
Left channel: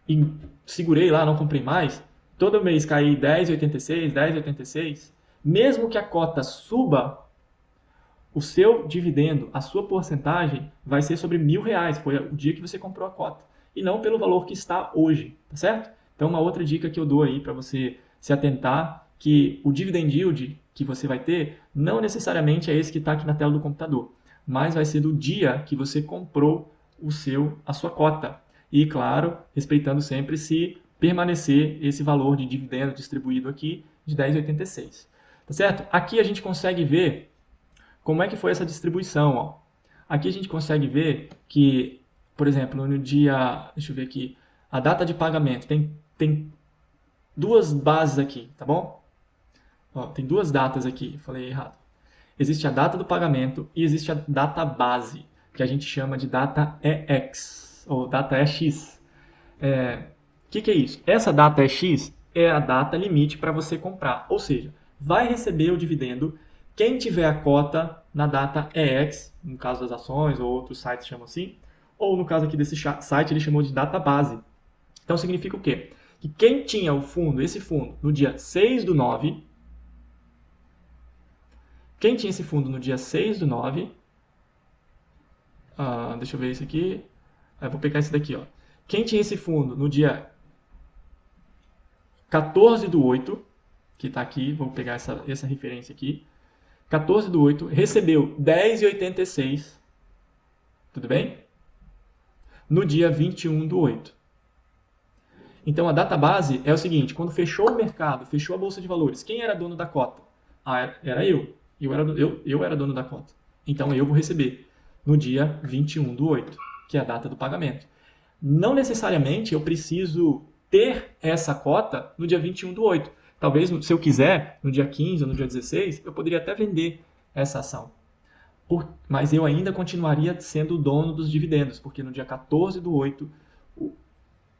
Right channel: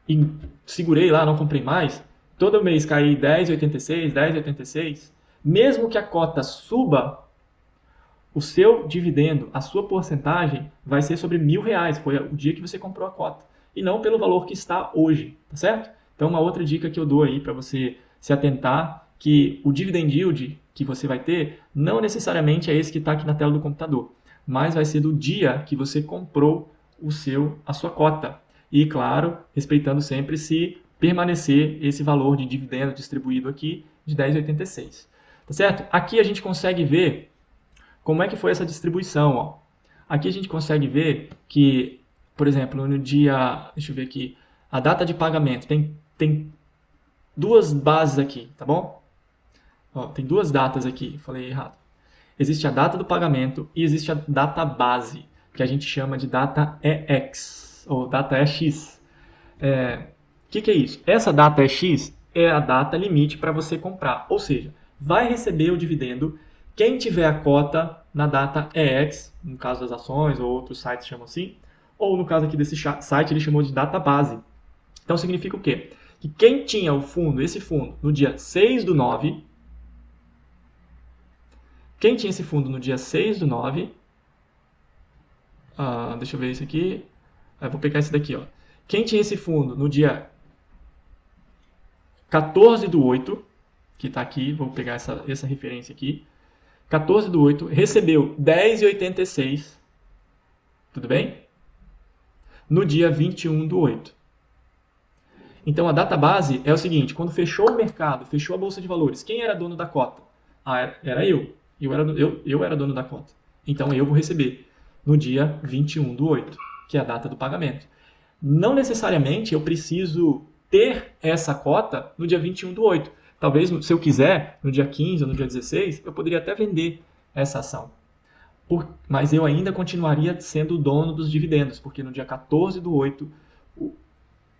e segurei lá, não comprei mais, todo mês cair 10,86, 10,86, mesmo que a cota suba, o seu dividendo, a sua porcentagem vai ser sobre R$1.000, foi o dia que você comprou a cota, e não pelo valor que está hoje, tá certo? Então uma outra dica que eu dou aí para você se atentar, que o dividend yield que você vai ter não necessariamente é esse que está aqui na tela do computador, mas vai ser do dia que você comprou a sua cota. E, claro, respeitando sempre se permanecer esse valor de dividendo distribuído aqui de 10,86. Tá certo? Aqui a gente consegue ver como é que foi essa distribuição. Ó. Aqui a gente consegue ver que, por exemplo, no dia... Deixa eu ver aqui. A data de pagamento. Tem duas bases aqui, tá bom? Ó, tem duas datas aqui. Falei errado. Existe a data do pagamento e existe a data base, que a gente chama de data EX, ou data EX. Que é isso? Essa data EX é a data limite para você comprar. Ou seja, vai receber o dividendo quem tiver a cota na data EX, no caso das ações, ou outros sites chamam assim, ou no caso aqui desse site ele chamou de data base. Então significa o quê? Que quem tinha esse fundo, no dia 6/9, quem tinha esse fundo no dia 6/9, deixa eu ver isso aqui, vou pegar esse daqui, ó. Quem tinha esse fundo no dia 14/8, que está aqui, vou pegar essa referência aqui, 14/8, recebeu 10,86, tudo bem? No dia 21/8. Então a data base é o seguinte, quando fechou o mercado, fechou a bolsa de valores, quem era dono da cota? Era eu. Eu era dono da cota. Então eu vou receber no dia 21/8, que é a data do pagamento. Não necessariamente eu preciso ter essa cota no dia 21/8. Talvez, se eu quiser, no dia 15 ou no dia 16, eu poderia até vender essa ação. Mas eu ainda continuaria sendo o dono dos dividendos, porque no dia 14/8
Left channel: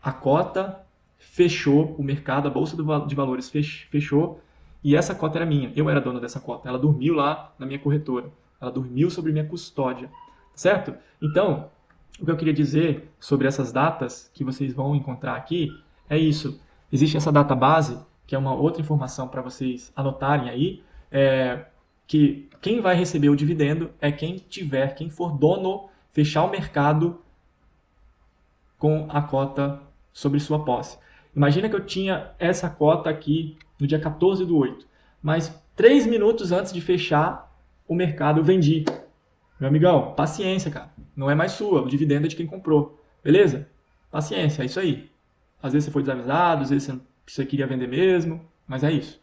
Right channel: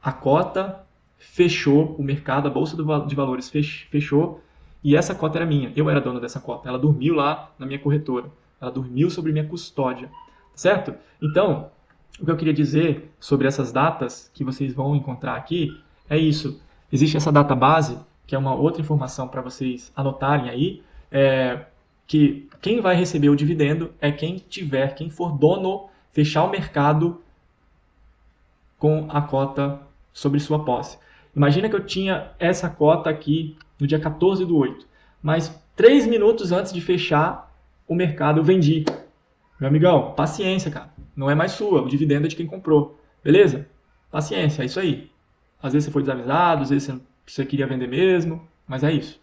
a cota fechou, o mercado, a bolsa de valores fechou, e essa cota era minha. Eu era dono dessa cota. Ela dormiu lá na minha corretora. Ela dormiu sobre minha custódia. Certo? Então, o que eu queria dizer sobre essas datas que vocês vão encontrar aqui é isso. Existe essa data base, que é uma outra informação para vocês anotarem aí, que quem vai receber o dividendo é quem for dono, fechar o mercado com a cota sobre sua posse. Imagina que eu tinha essa cota aqui no dia 14/8, mas 3 minutos antes de fechar o mercado eu vendi. Meu amigão, paciência, cara. Não é mais sua, o dividendo é de quem comprou. Beleza? Paciência, é isso aí. Às vezes você foi desavisado, às vezes você queria vender mesmo, mas é isso.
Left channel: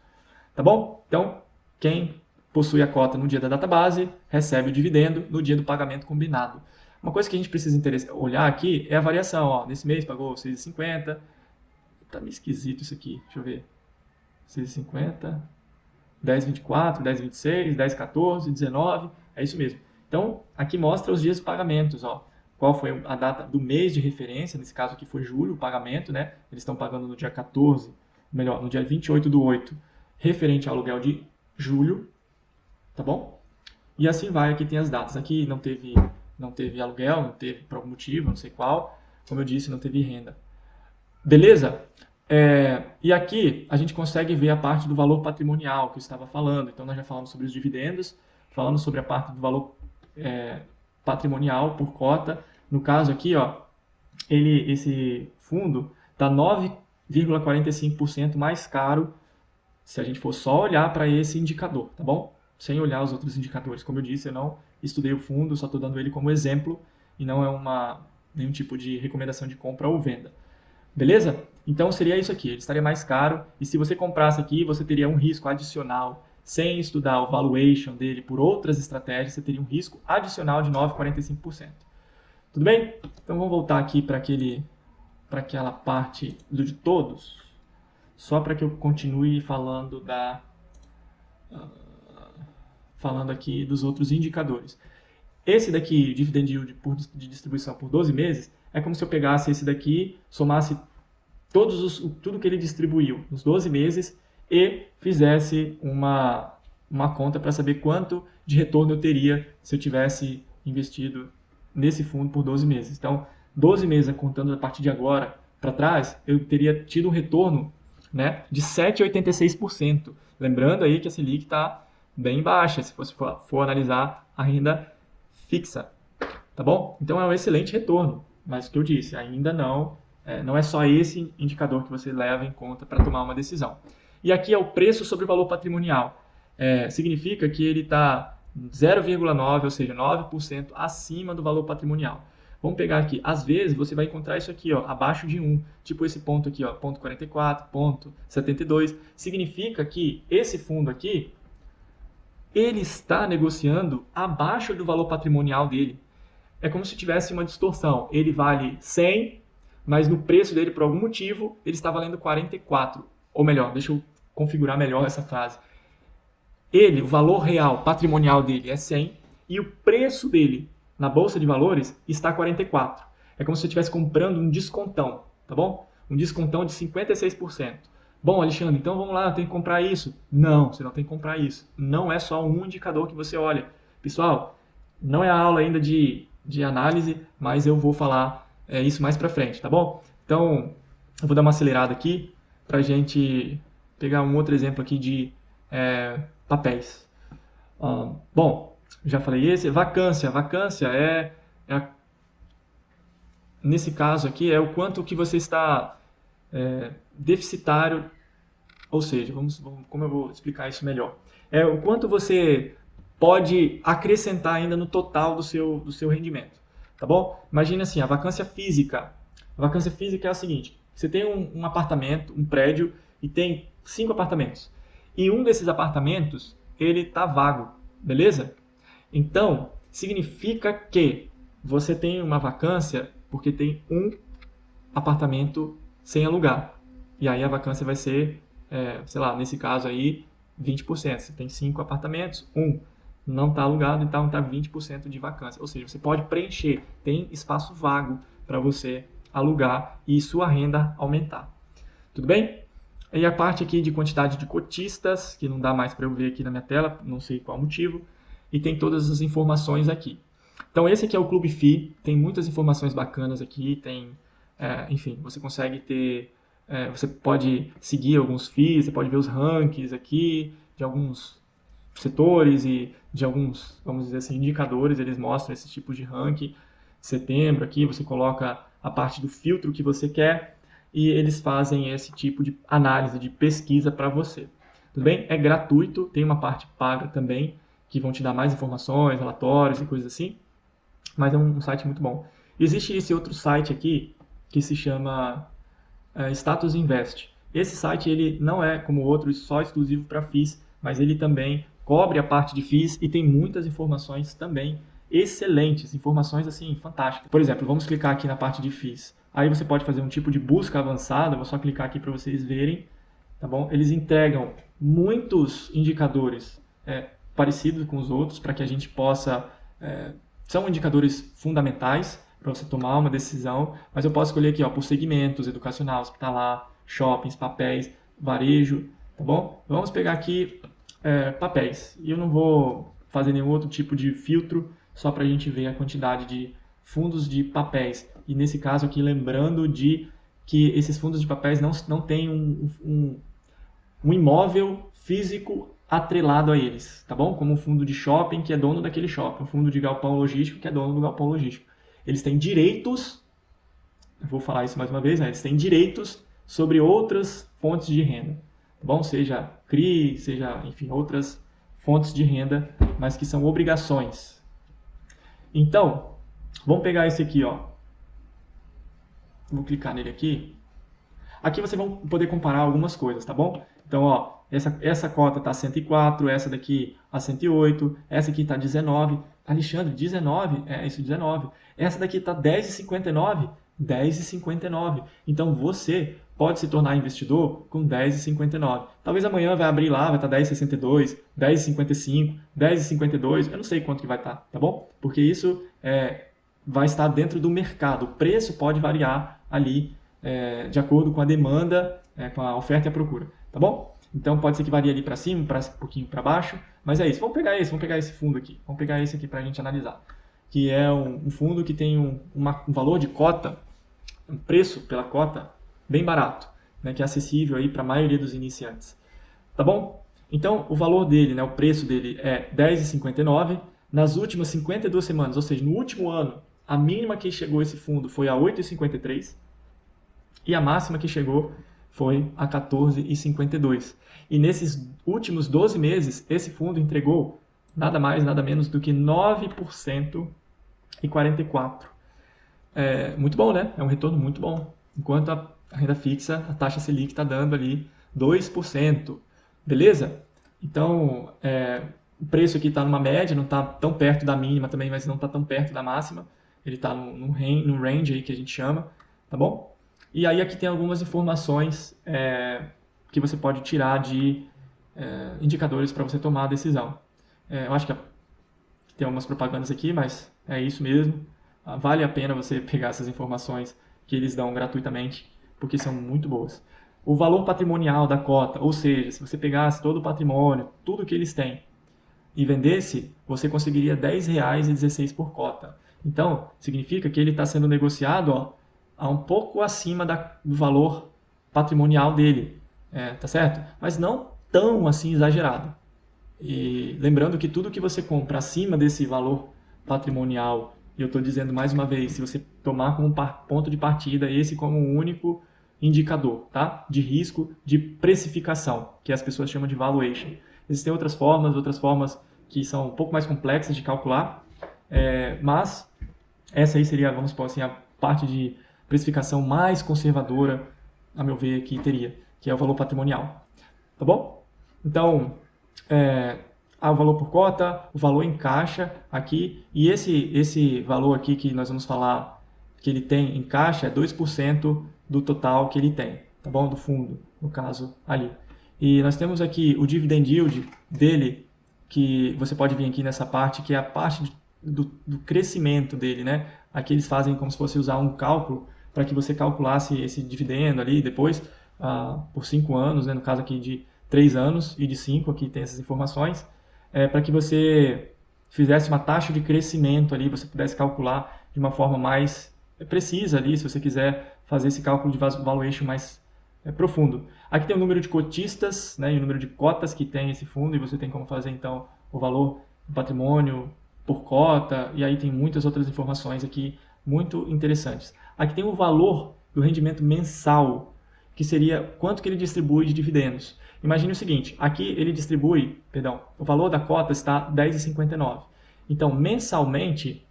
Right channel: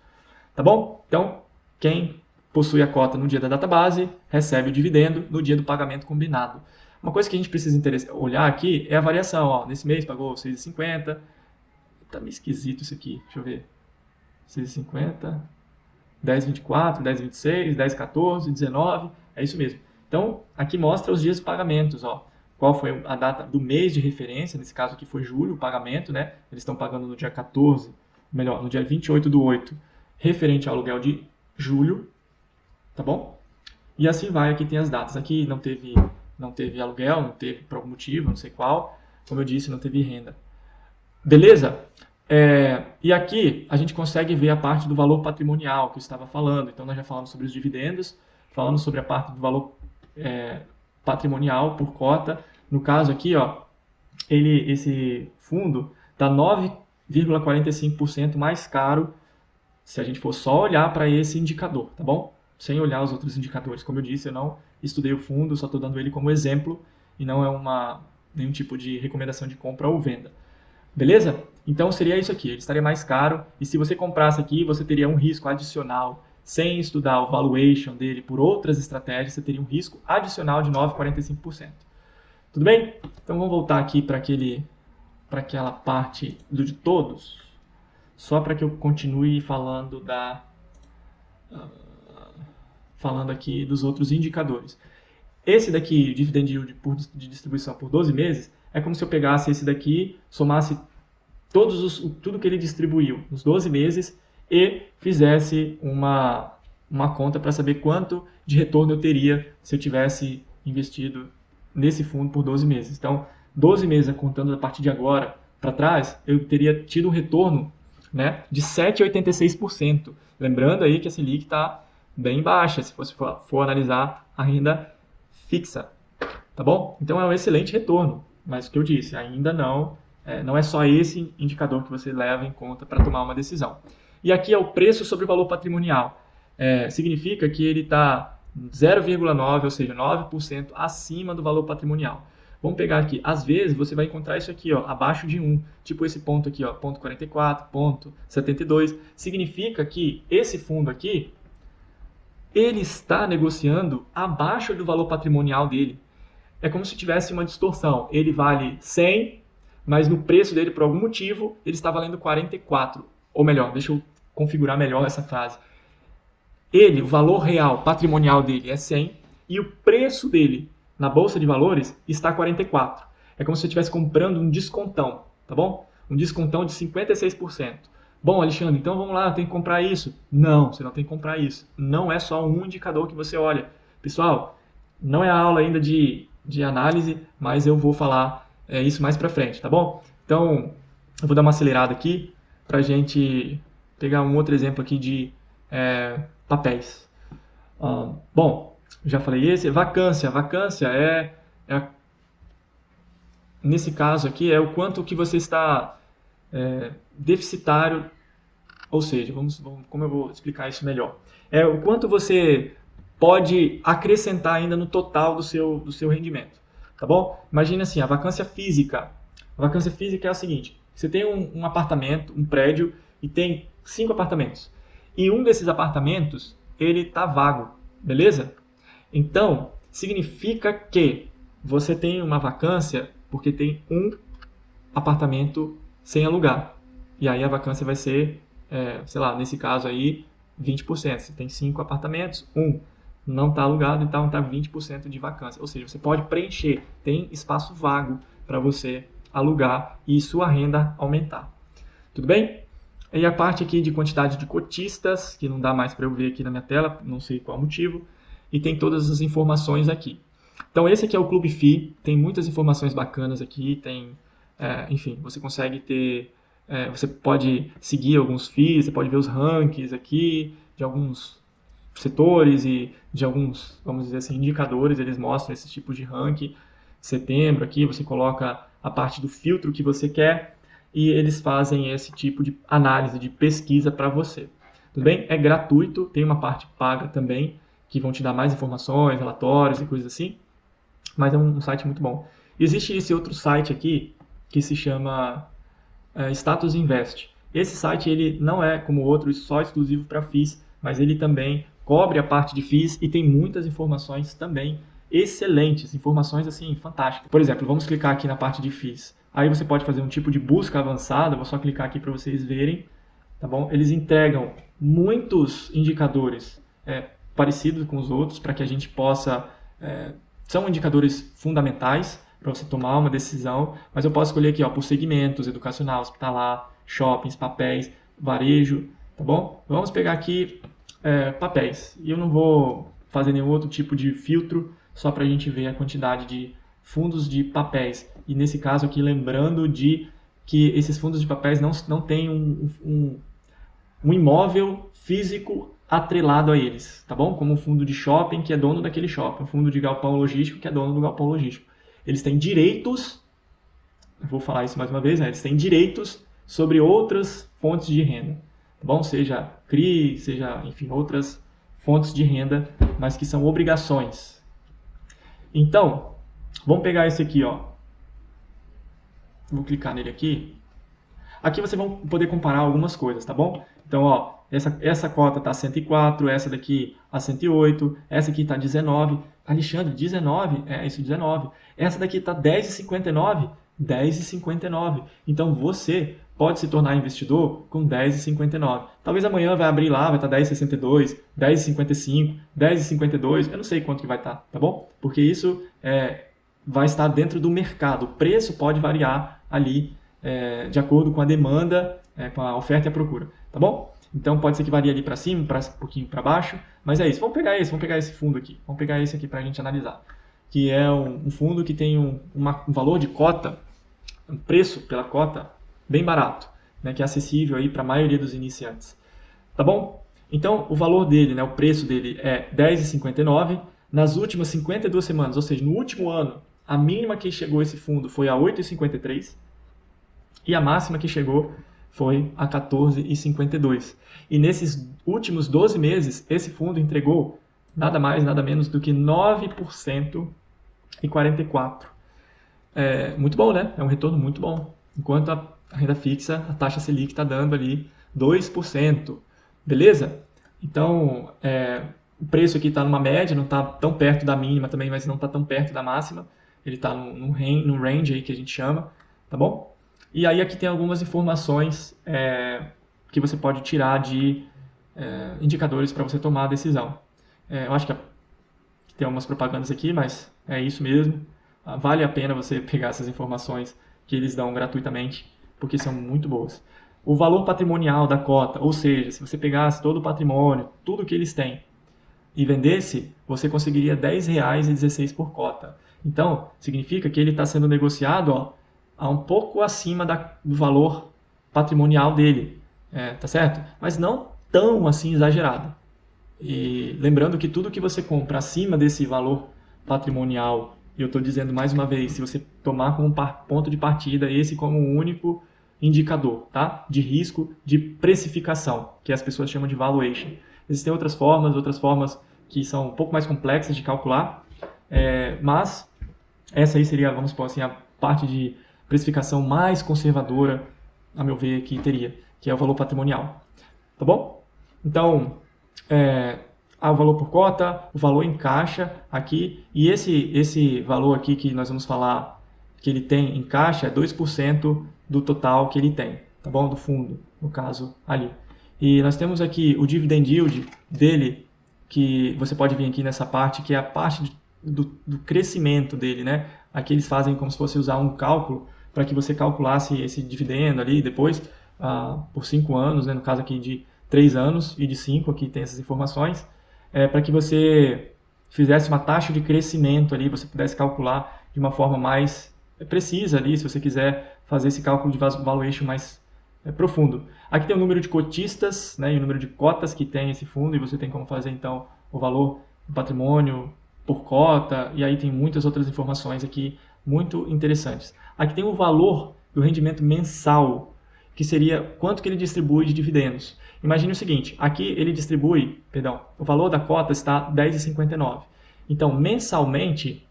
Tá bom? Então, quem possui a cota no dia da data base recebe o dividendo no dia do pagamento combinado. Uma coisa que a gente precisa olhar aqui é a variação. Ó, nesse mês pagou 6,50. Tá meio esquisito isso aqui. Deixa eu ver. 6,50, 10,24, 10,26, 10,14, 19. É isso mesmo. Então, aqui mostra os dias de pagamentos. Ó. Qual foi a data do mês de referência? Nesse caso aqui foi julho, o pagamento, né? Eles estão pagando no dia 14, melhor, no dia 28/8, referente ao aluguel de julho, tá bom? E assim vai, aqui tem as datas. Aqui não teve aluguel, não teve por algum motivo, não sei qual. Como eu disse, não teve renda. Beleza? E aqui a gente consegue ver a parte do valor patrimonial que eu estava falando. Então nós já falamos sobre os dividendos, falamos sobre a parte do valor patrimonial por cota. No caso aqui, ó, esse fundo está 9,45% mais caro se a gente for só olhar para esse indicador, tá bom? Sem olhar os outros indicadores. Como eu disse, eu não estudei o fundo, só estou dando ele como exemplo e não é nenhum tipo de recomendação de compra ou venda. Beleza? Então seria isso aqui, ele estaria mais caro e se você comprasse aqui, você teria um risco adicional. Sem estudar o valuation dele por outras estratégias, você teria um risco adicional de 9,45%. Tudo bem? Então vamos voltar aqui para aquela parte de todos, só para que eu continue falando falando aqui dos outros indicadores. Esse daqui, dividend yield de distribuição por 12 meses, é como se eu pegasse esse daqui, somasse tudo que ele distribuiu nos 12 meses e fizesse uma conta para saber quanto de retorno eu teria se eu tivesse investido nesse fundo por 12 meses. Então, 12 meses contando a partir de agora para trás, eu teria tido um retorno, né, de 7,86%. Lembrando aí que a Selic está bem baixa, se você for analisar a renda fixa, tá bom? Então é um excelente retorno, mas o que eu disse, ainda não é só esse indicador que você leva em conta para tomar uma decisão. E aqui é o preço sobre o valor patrimonial. Significa que ele está 0,9, ou seja, 9% acima do valor patrimonial. Vamos pegar aqui, às vezes você vai encontrar isso aqui, ó, abaixo de 1, tipo esse ponto aqui, ó, ponto 44, ponto 72. Significa que esse fundo aqui, ele está negociando abaixo do valor patrimonial dele. É como se tivesse uma distorção. Ele vale 100, mas no preço dele, por algum motivo, ele está valendo 44. Ou melhor, deixa eu configurar melhor essa frase. O valor real patrimonial dele é 100 e o preço dele na bolsa de valores está 44. É como se você estivesse comprando um descontão, tá bom? Um descontão de 56%. Bom, Alexandre, então vamos lá, tem que comprar isso. Não, você não tem que comprar isso. Não é só um indicador que você olha. Pessoal, não é a aula ainda de análise, mas eu vou falar isso mais pra frente, tá bom? Então, eu vou dar uma acelerada aqui pra gente pegar um outro exemplo aqui de papéis. Bom, já falei esse. Vacância. Vacância nesse caso aqui, é o quanto que você está deficitário, ou seja, como eu vou explicar isso melhor? É o quanto você pode acrescentar ainda no total do seu rendimento, tá bom? Imagina assim, a vacância física. A vacância física é a seguinte, você tem um apartamento, um prédio, e tem 5 apartamentos. E um desses apartamentos, ele está vago, beleza? Então, significa que você tem uma vacância porque tem um apartamento sem alugar. E aí a vacância vai ser, sei lá, nesse caso aí, 20%. Você tem 5 apartamentos, um não está alugado, então está 20% de vacância. Ou seja, você pode preencher, tem espaço vago para você alugar e sua renda aumentar. Tudo bem? E a parte aqui de quantidade de cotistas, que não dá mais para eu ver aqui na minha tela, não sei qual motivo, e tem todas as informações aqui. Então esse aqui é o Clube FI, tem muitas informações bacanas aqui, enfim, você consegue ter, você pode seguir alguns FIIs, você pode ver os rankings aqui de alguns setores e de alguns, vamos dizer assim, indicadores, eles mostram esse tipo de ranking. Setembro aqui, você coloca a parte do filtro que você quer. e eles fazem esse tipo de análise, de pesquisa para você. Tudo bem? É gratuito, tem uma parte paga também, que vão te dar mais informações, relatórios e coisas assim, mas é um site muito bom. Existe esse outro site aqui, que se chama Status Invest. Esse site ele não é como o outro só exclusivo para FIIs, mas ele também cobre a parte de FIIs e tem muitas informações também excelentes, informações assim fantásticas. Por exemplo, vamos clicar aqui na parte de FIIs. Aí você pode fazer um tipo de busca avançada, vou só clicar aqui para vocês verem, tá bom? Eles entregam muitos indicadores parecidos com os outros para que a gente possa são indicadores fundamentais para você tomar uma decisão, mas eu posso escolher aqui, ó, por segmentos, educacional, hospitalar, shoppings, papéis, varejo, tá bom? Vamos pegar aqui papéis. E eu não vou fazer nenhum outro tipo de filtro, só para a gente ver a quantidade de fundos de papéis. E nesse caso aqui, lembrando de que esses fundos de papéis não têm um imóvel físico atrelado a eles, tá bom? Como um fundo de shopping que é dono daquele shopping, um fundo de galpão logístico que é dono do galpão logístico. Eles têm direitos, vou falar isso mais uma vez, eles têm direitos sobre outras fontes de renda, tá bom? Seja CRI, seja, enfim, outras fontes de renda, mas que são obrigações. Então, vamos pegar esse aqui, ó. Vou clicar nele aqui. Aqui vocês vão poder comparar algumas coisas, tá bom? Então, ó, essa cota está 104, essa daqui a 108, essa aqui está 19. Alexandre, 19? É isso, 19. Essa daqui está 10,59? 10,59. Então, você pode se tornar investidor com 10,59. Talvez amanhã vai abrir lá, vai estar 10,62, 10,55, 10,52. Eu não sei quanto que vai estar, tá bom? Porque isso vai estar dentro do mercado. O preço pode variar ali de acordo com a demanda, com a oferta e a procura, tá bom? Então pode ser que varie ali para cima, um pouquinho para baixo, mas é isso. Vamos pegar esse fundo aqui, vamos pegar esse aqui para a gente analisar, que é um fundo que tem um valor de cota, um preço pela cota bem barato, né, que é acessível aí para a maioria dos iniciantes, tá bom? Então o valor dele, né, o preço dele é R$10,59 nas últimas 52 semanas, ou seja, no último ano, a mínima que chegou esse fundo foi a R$8,53 e a máxima que chegou foi a 14,52. E nesses últimos 12 meses, esse fundo entregou nada mais, nada menos do que 9% e 44%. Muito bom, né? É um retorno muito bom. Enquanto a renda fixa, a taxa Selic está dando ali 2%. Beleza? Então, o preço aqui está numa média, não está tão perto da mínima também, mas não está tão perto da máxima. Ele está no range aí que a gente chama, tá bom? E aí aqui tem algumas informações que você pode tirar de indicadores para você tomar a decisão. Eu acho que tem algumas propagandas aqui, mas é isso mesmo. Vale a pena você pegar essas informações que eles dão gratuitamente, porque são muito boas. O valor patrimonial da cota, ou seja, se você pegasse todo o patrimônio, tudo que eles têm, e vendesse, você conseguiria R$10,16 por cota. Então, significa que ele está sendo negociado a um pouco acima do valor patrimonial dele, tá certo? Mas não tão assim exagerado. E lembrando que tudo que você compra acima desse valor patrimonial, e eu estou dizendo mais uma vez, se você tomar como ponto de partida esse como o único indicador, tá? De risco de precificação, que as pessoas chamam de valuation. Existem outras formas que são um pouco mais complexas de calcular, mas essa aí seria, vamos supor assim, a parte de precificação mais conservadora, a meu ver, que teria, que é o valor patrimonial. Tá bom? Então, o valor por cota, o valor em caixa aqui, e esse valor aqui que nós vamos falar que ele tem em caixa é 2% do total que ele tem, tá bom? Do fundo, no caso ali. E nós temos aqui o dividend yield dele, que você pode ver aqui nessa parte, que é a parte do crescimento dele, né? Aqui eles fazem como se fosse usar um cálculo para que você calculasse esse dividendo ali depois por 5 anos, né? No caso aqui de 3 anos e de 5, aqui tem essas informações, para que você fizesse uma taxa de crescimento ali, você pudesse calcular de uma forma mais precisa ali, se você quiser fazer esse cálculo de valuation mais profundo. Aqui tem o número de cotistas, né, e o número de cotas que tem esse fundo, e você tem como fazer então o valor do patrimônio por cota, e aí tem muitas outras informações aqui muito interessantes. Aqui tem o valor do rendimento mensal, que seria quanto que ele distribui de dividendos. Imagine o seguinte, aqui ele distribui, perdão, o valor da cota está R$10,59. Então, mensalmente,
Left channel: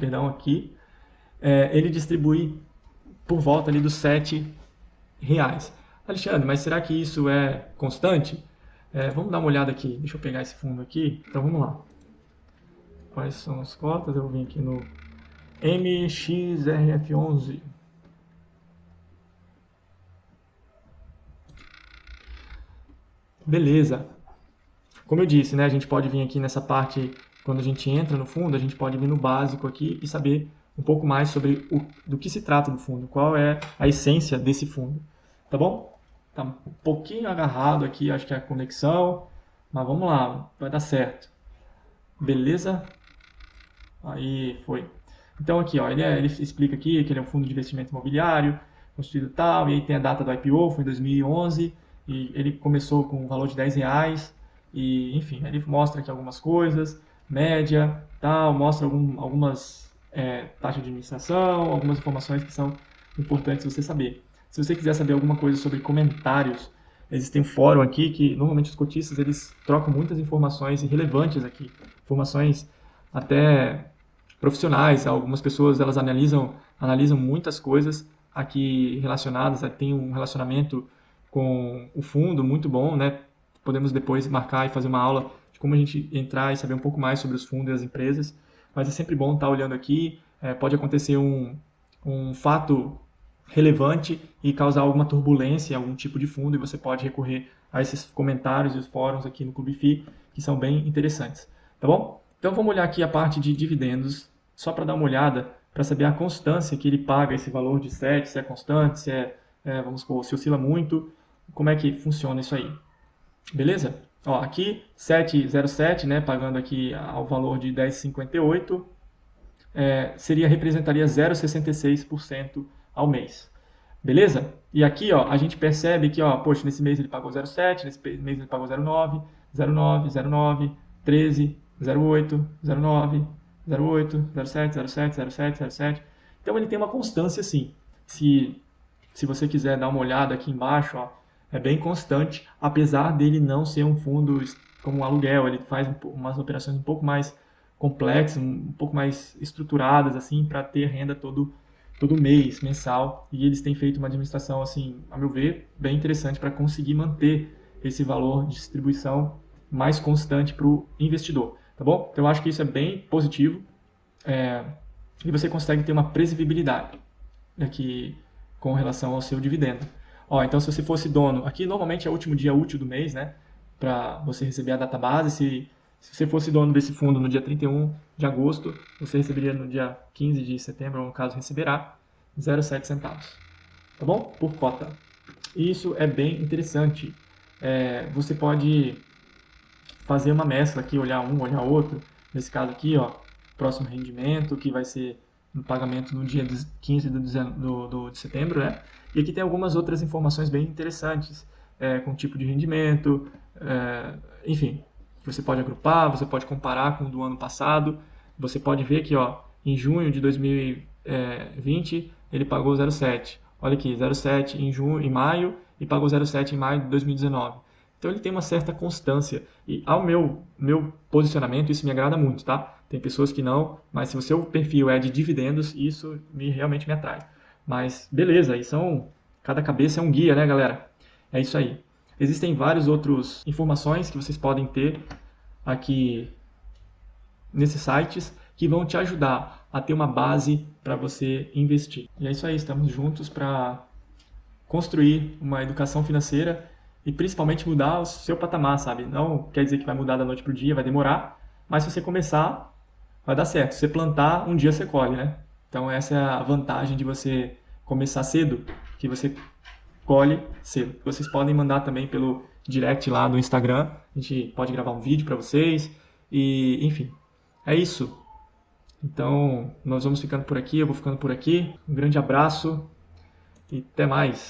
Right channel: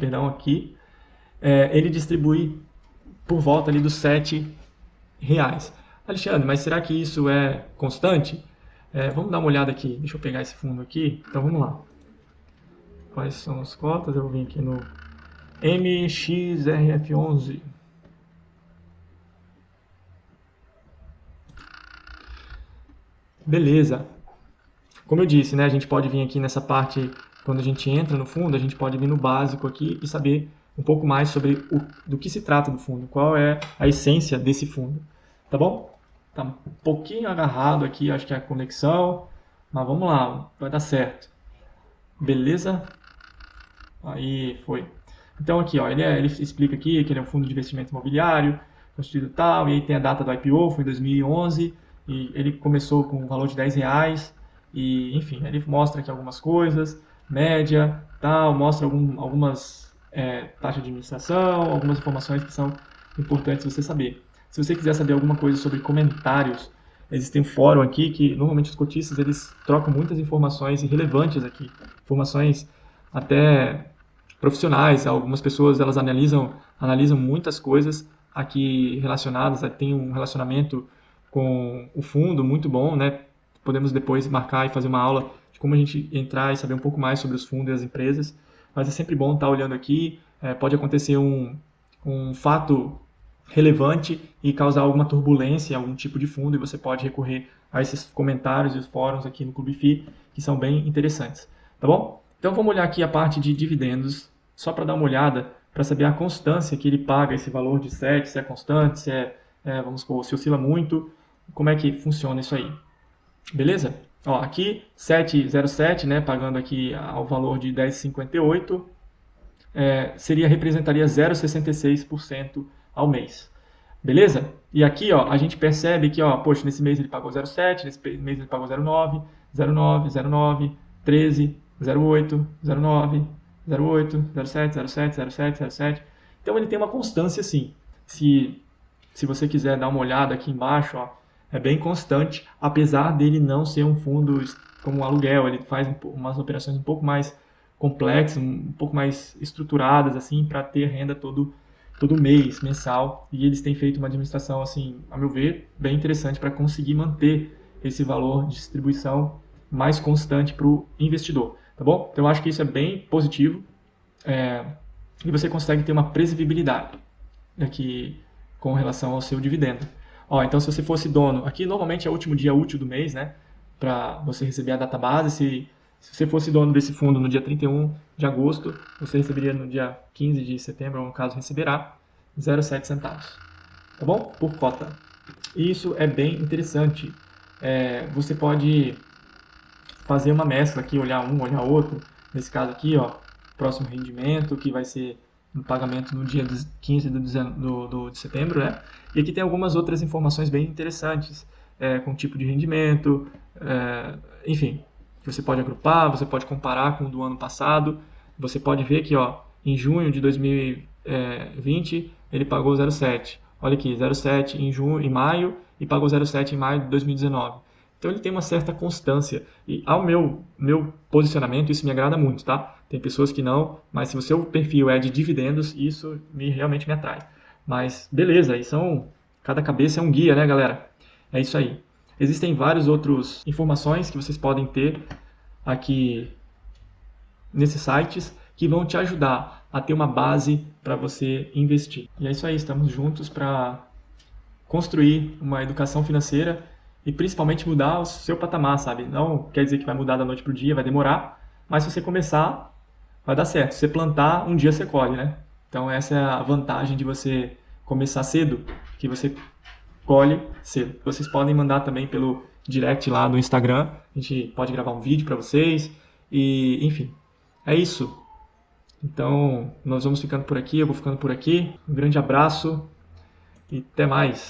perdão, aqui, ele distribui por volta ali dos R$7. Alexandre, mas será que isso é constante? Vamos dar uma olhada aqui. Deixa eu pegar esse fundo aqui. Então, vamos lá. Quais são as cotas? Eu vou vir aqui no MXRF11. Beleza. Como eu disse, né, a gente pode vir aqui nessa parte, quando a gente entra no fundo, a gente pode vir no básico aqui e saber um pouco mais sobre do que se trata do fundo, qual é a essência desse fundo, tá bom? Tá um pouquinho agarrado aqui, acho que é a conexão, mas vamos lá, vai dar certo. Beleza? Aí, foi. Então aqui, ó, ele explica aqui que ele é um fundo de investimento imobiliário, constituído tal, e aí tem a data do IPO, foi em 2011, e ele começou com um valor de R$10, e enfim, ele mostra aqui algumas coisas, média, tal, mostra algumas taxas de administração, algumas informações que são importantes você saber. Se você quiser saber alguma coisa sobre comentários, existe um fórum aqui que normalmente os cotistas eles trocam muitas informações relevantes aqui, informações até profissionais. Algumas pessoas elas analisam muitas coisas aqui relacionadas, tem um relacionamento com o fundo muito bom, né? Podemos depois marcar e fazer uma aula de como a gente entrar e saber um pouco mais sobre os fundos e as empresas. Mas é sempre bom estar olhando aqui. Pode acontecer um fato relevante e causar alguma turbulência, algum tipo de fundo, e você pode recorrer a esses comentários e os fóruns aqui no Clube FI, que são bem interessantes. Tá bom? Então vamos olhar aqui a parte de dividendos, só para dar uma olhada, para saber a constância que ele paga esse valor de 7, se é constante, vamos supor, se oscila muito, como é que funciona isso aí. Beleza? Ó, aqui 7,07, né, pagando aqui ao valor de 10,58, representaria 0,66% ao mês. Beleza? E aqui, ó, a gente percebe que, ó, poxa, nesse mês ele pagou 0,7, nesse mês ele pagou 0,9, 0,9, 0,9, 13, 0,8, 0,9, 0,8, 0,7, 0,7, 0,7, 0,7. Então ele tem uma constância assim. Se você quiser dar uma olhada aqui embaixo, ó, é bem constante, apesar dele não ser um fundo como um aluguel. Ele faz umas operações um pouco mais complexas, um pouco mais estruturadas, assim, para ter renda todo mês, mensal. E eles têm feito uma administração, assim, a meu ver, bem interessante para conseguir manter esse valor de distribuição mais constante para o investidor. Tá bom? Então eu acho que isso é bem positivo. E você consegue ter uma previsibilidade aqui com relação ao seu dividendo. Então se você fosse dono, aqui normalmente é o último dia útil do mês, né? Para você receber a database. Se você fosse dono desse fundo no dia 31 de agosto, você receberia no dia 15 de setembro, ou no caso receberá, 0,7 centavos. Tá bom? Por cota. E isso é bem interessante. Você pode fazer uma mescla aqui, olhar um, olhar outro. Nesse caso aqui, ó, próximo rendimento, que vai ser no pagamento no dia 15 de setembro, né? E aqui tem algumas outras informações bem interessantes, com tipo de rendimento, enfim. Você pode agrupar, você pode comparar com o do ano passado. Você pode ver que, ó, em junho de 2020 ele pagou 0,7. Olha aqui, 0,7 em maio e pagou 0,7 em maio de 2019. Então ele tem uma certa constância. E ao meu posicionamento, isso me agrada muito, tá? Tem pessoas que não, mas se o seu perfil é de dividendos, isso realmente me atrai. Mas beleza, aí cada cabeça é um guia, né, galera? É isso aí. Existem várias outras informações que vocês podem ter aqui nesses sites que vão te ajudar a ter uma base para você investir. E é isso aí, estamos juntos para construir uma educação financeira e principalmente mudar o seu patamar, sabe? Não quer dizer que vai mudar da noite para o dia, vai demorar, mas se você começar, vai dar certo. Se você plantar, um dia você colhe, né? Então essa é a vantagem de você começar cedo, que você colhe cedo. Vocês podem mandar também pelo direct lá no Instagram, a gente pode gravar um vídeo para vocês, e enfim, é isso. Então, nós vamos ficando por aqui, eu vou ficando por aqui. Um grande abraço e até mais.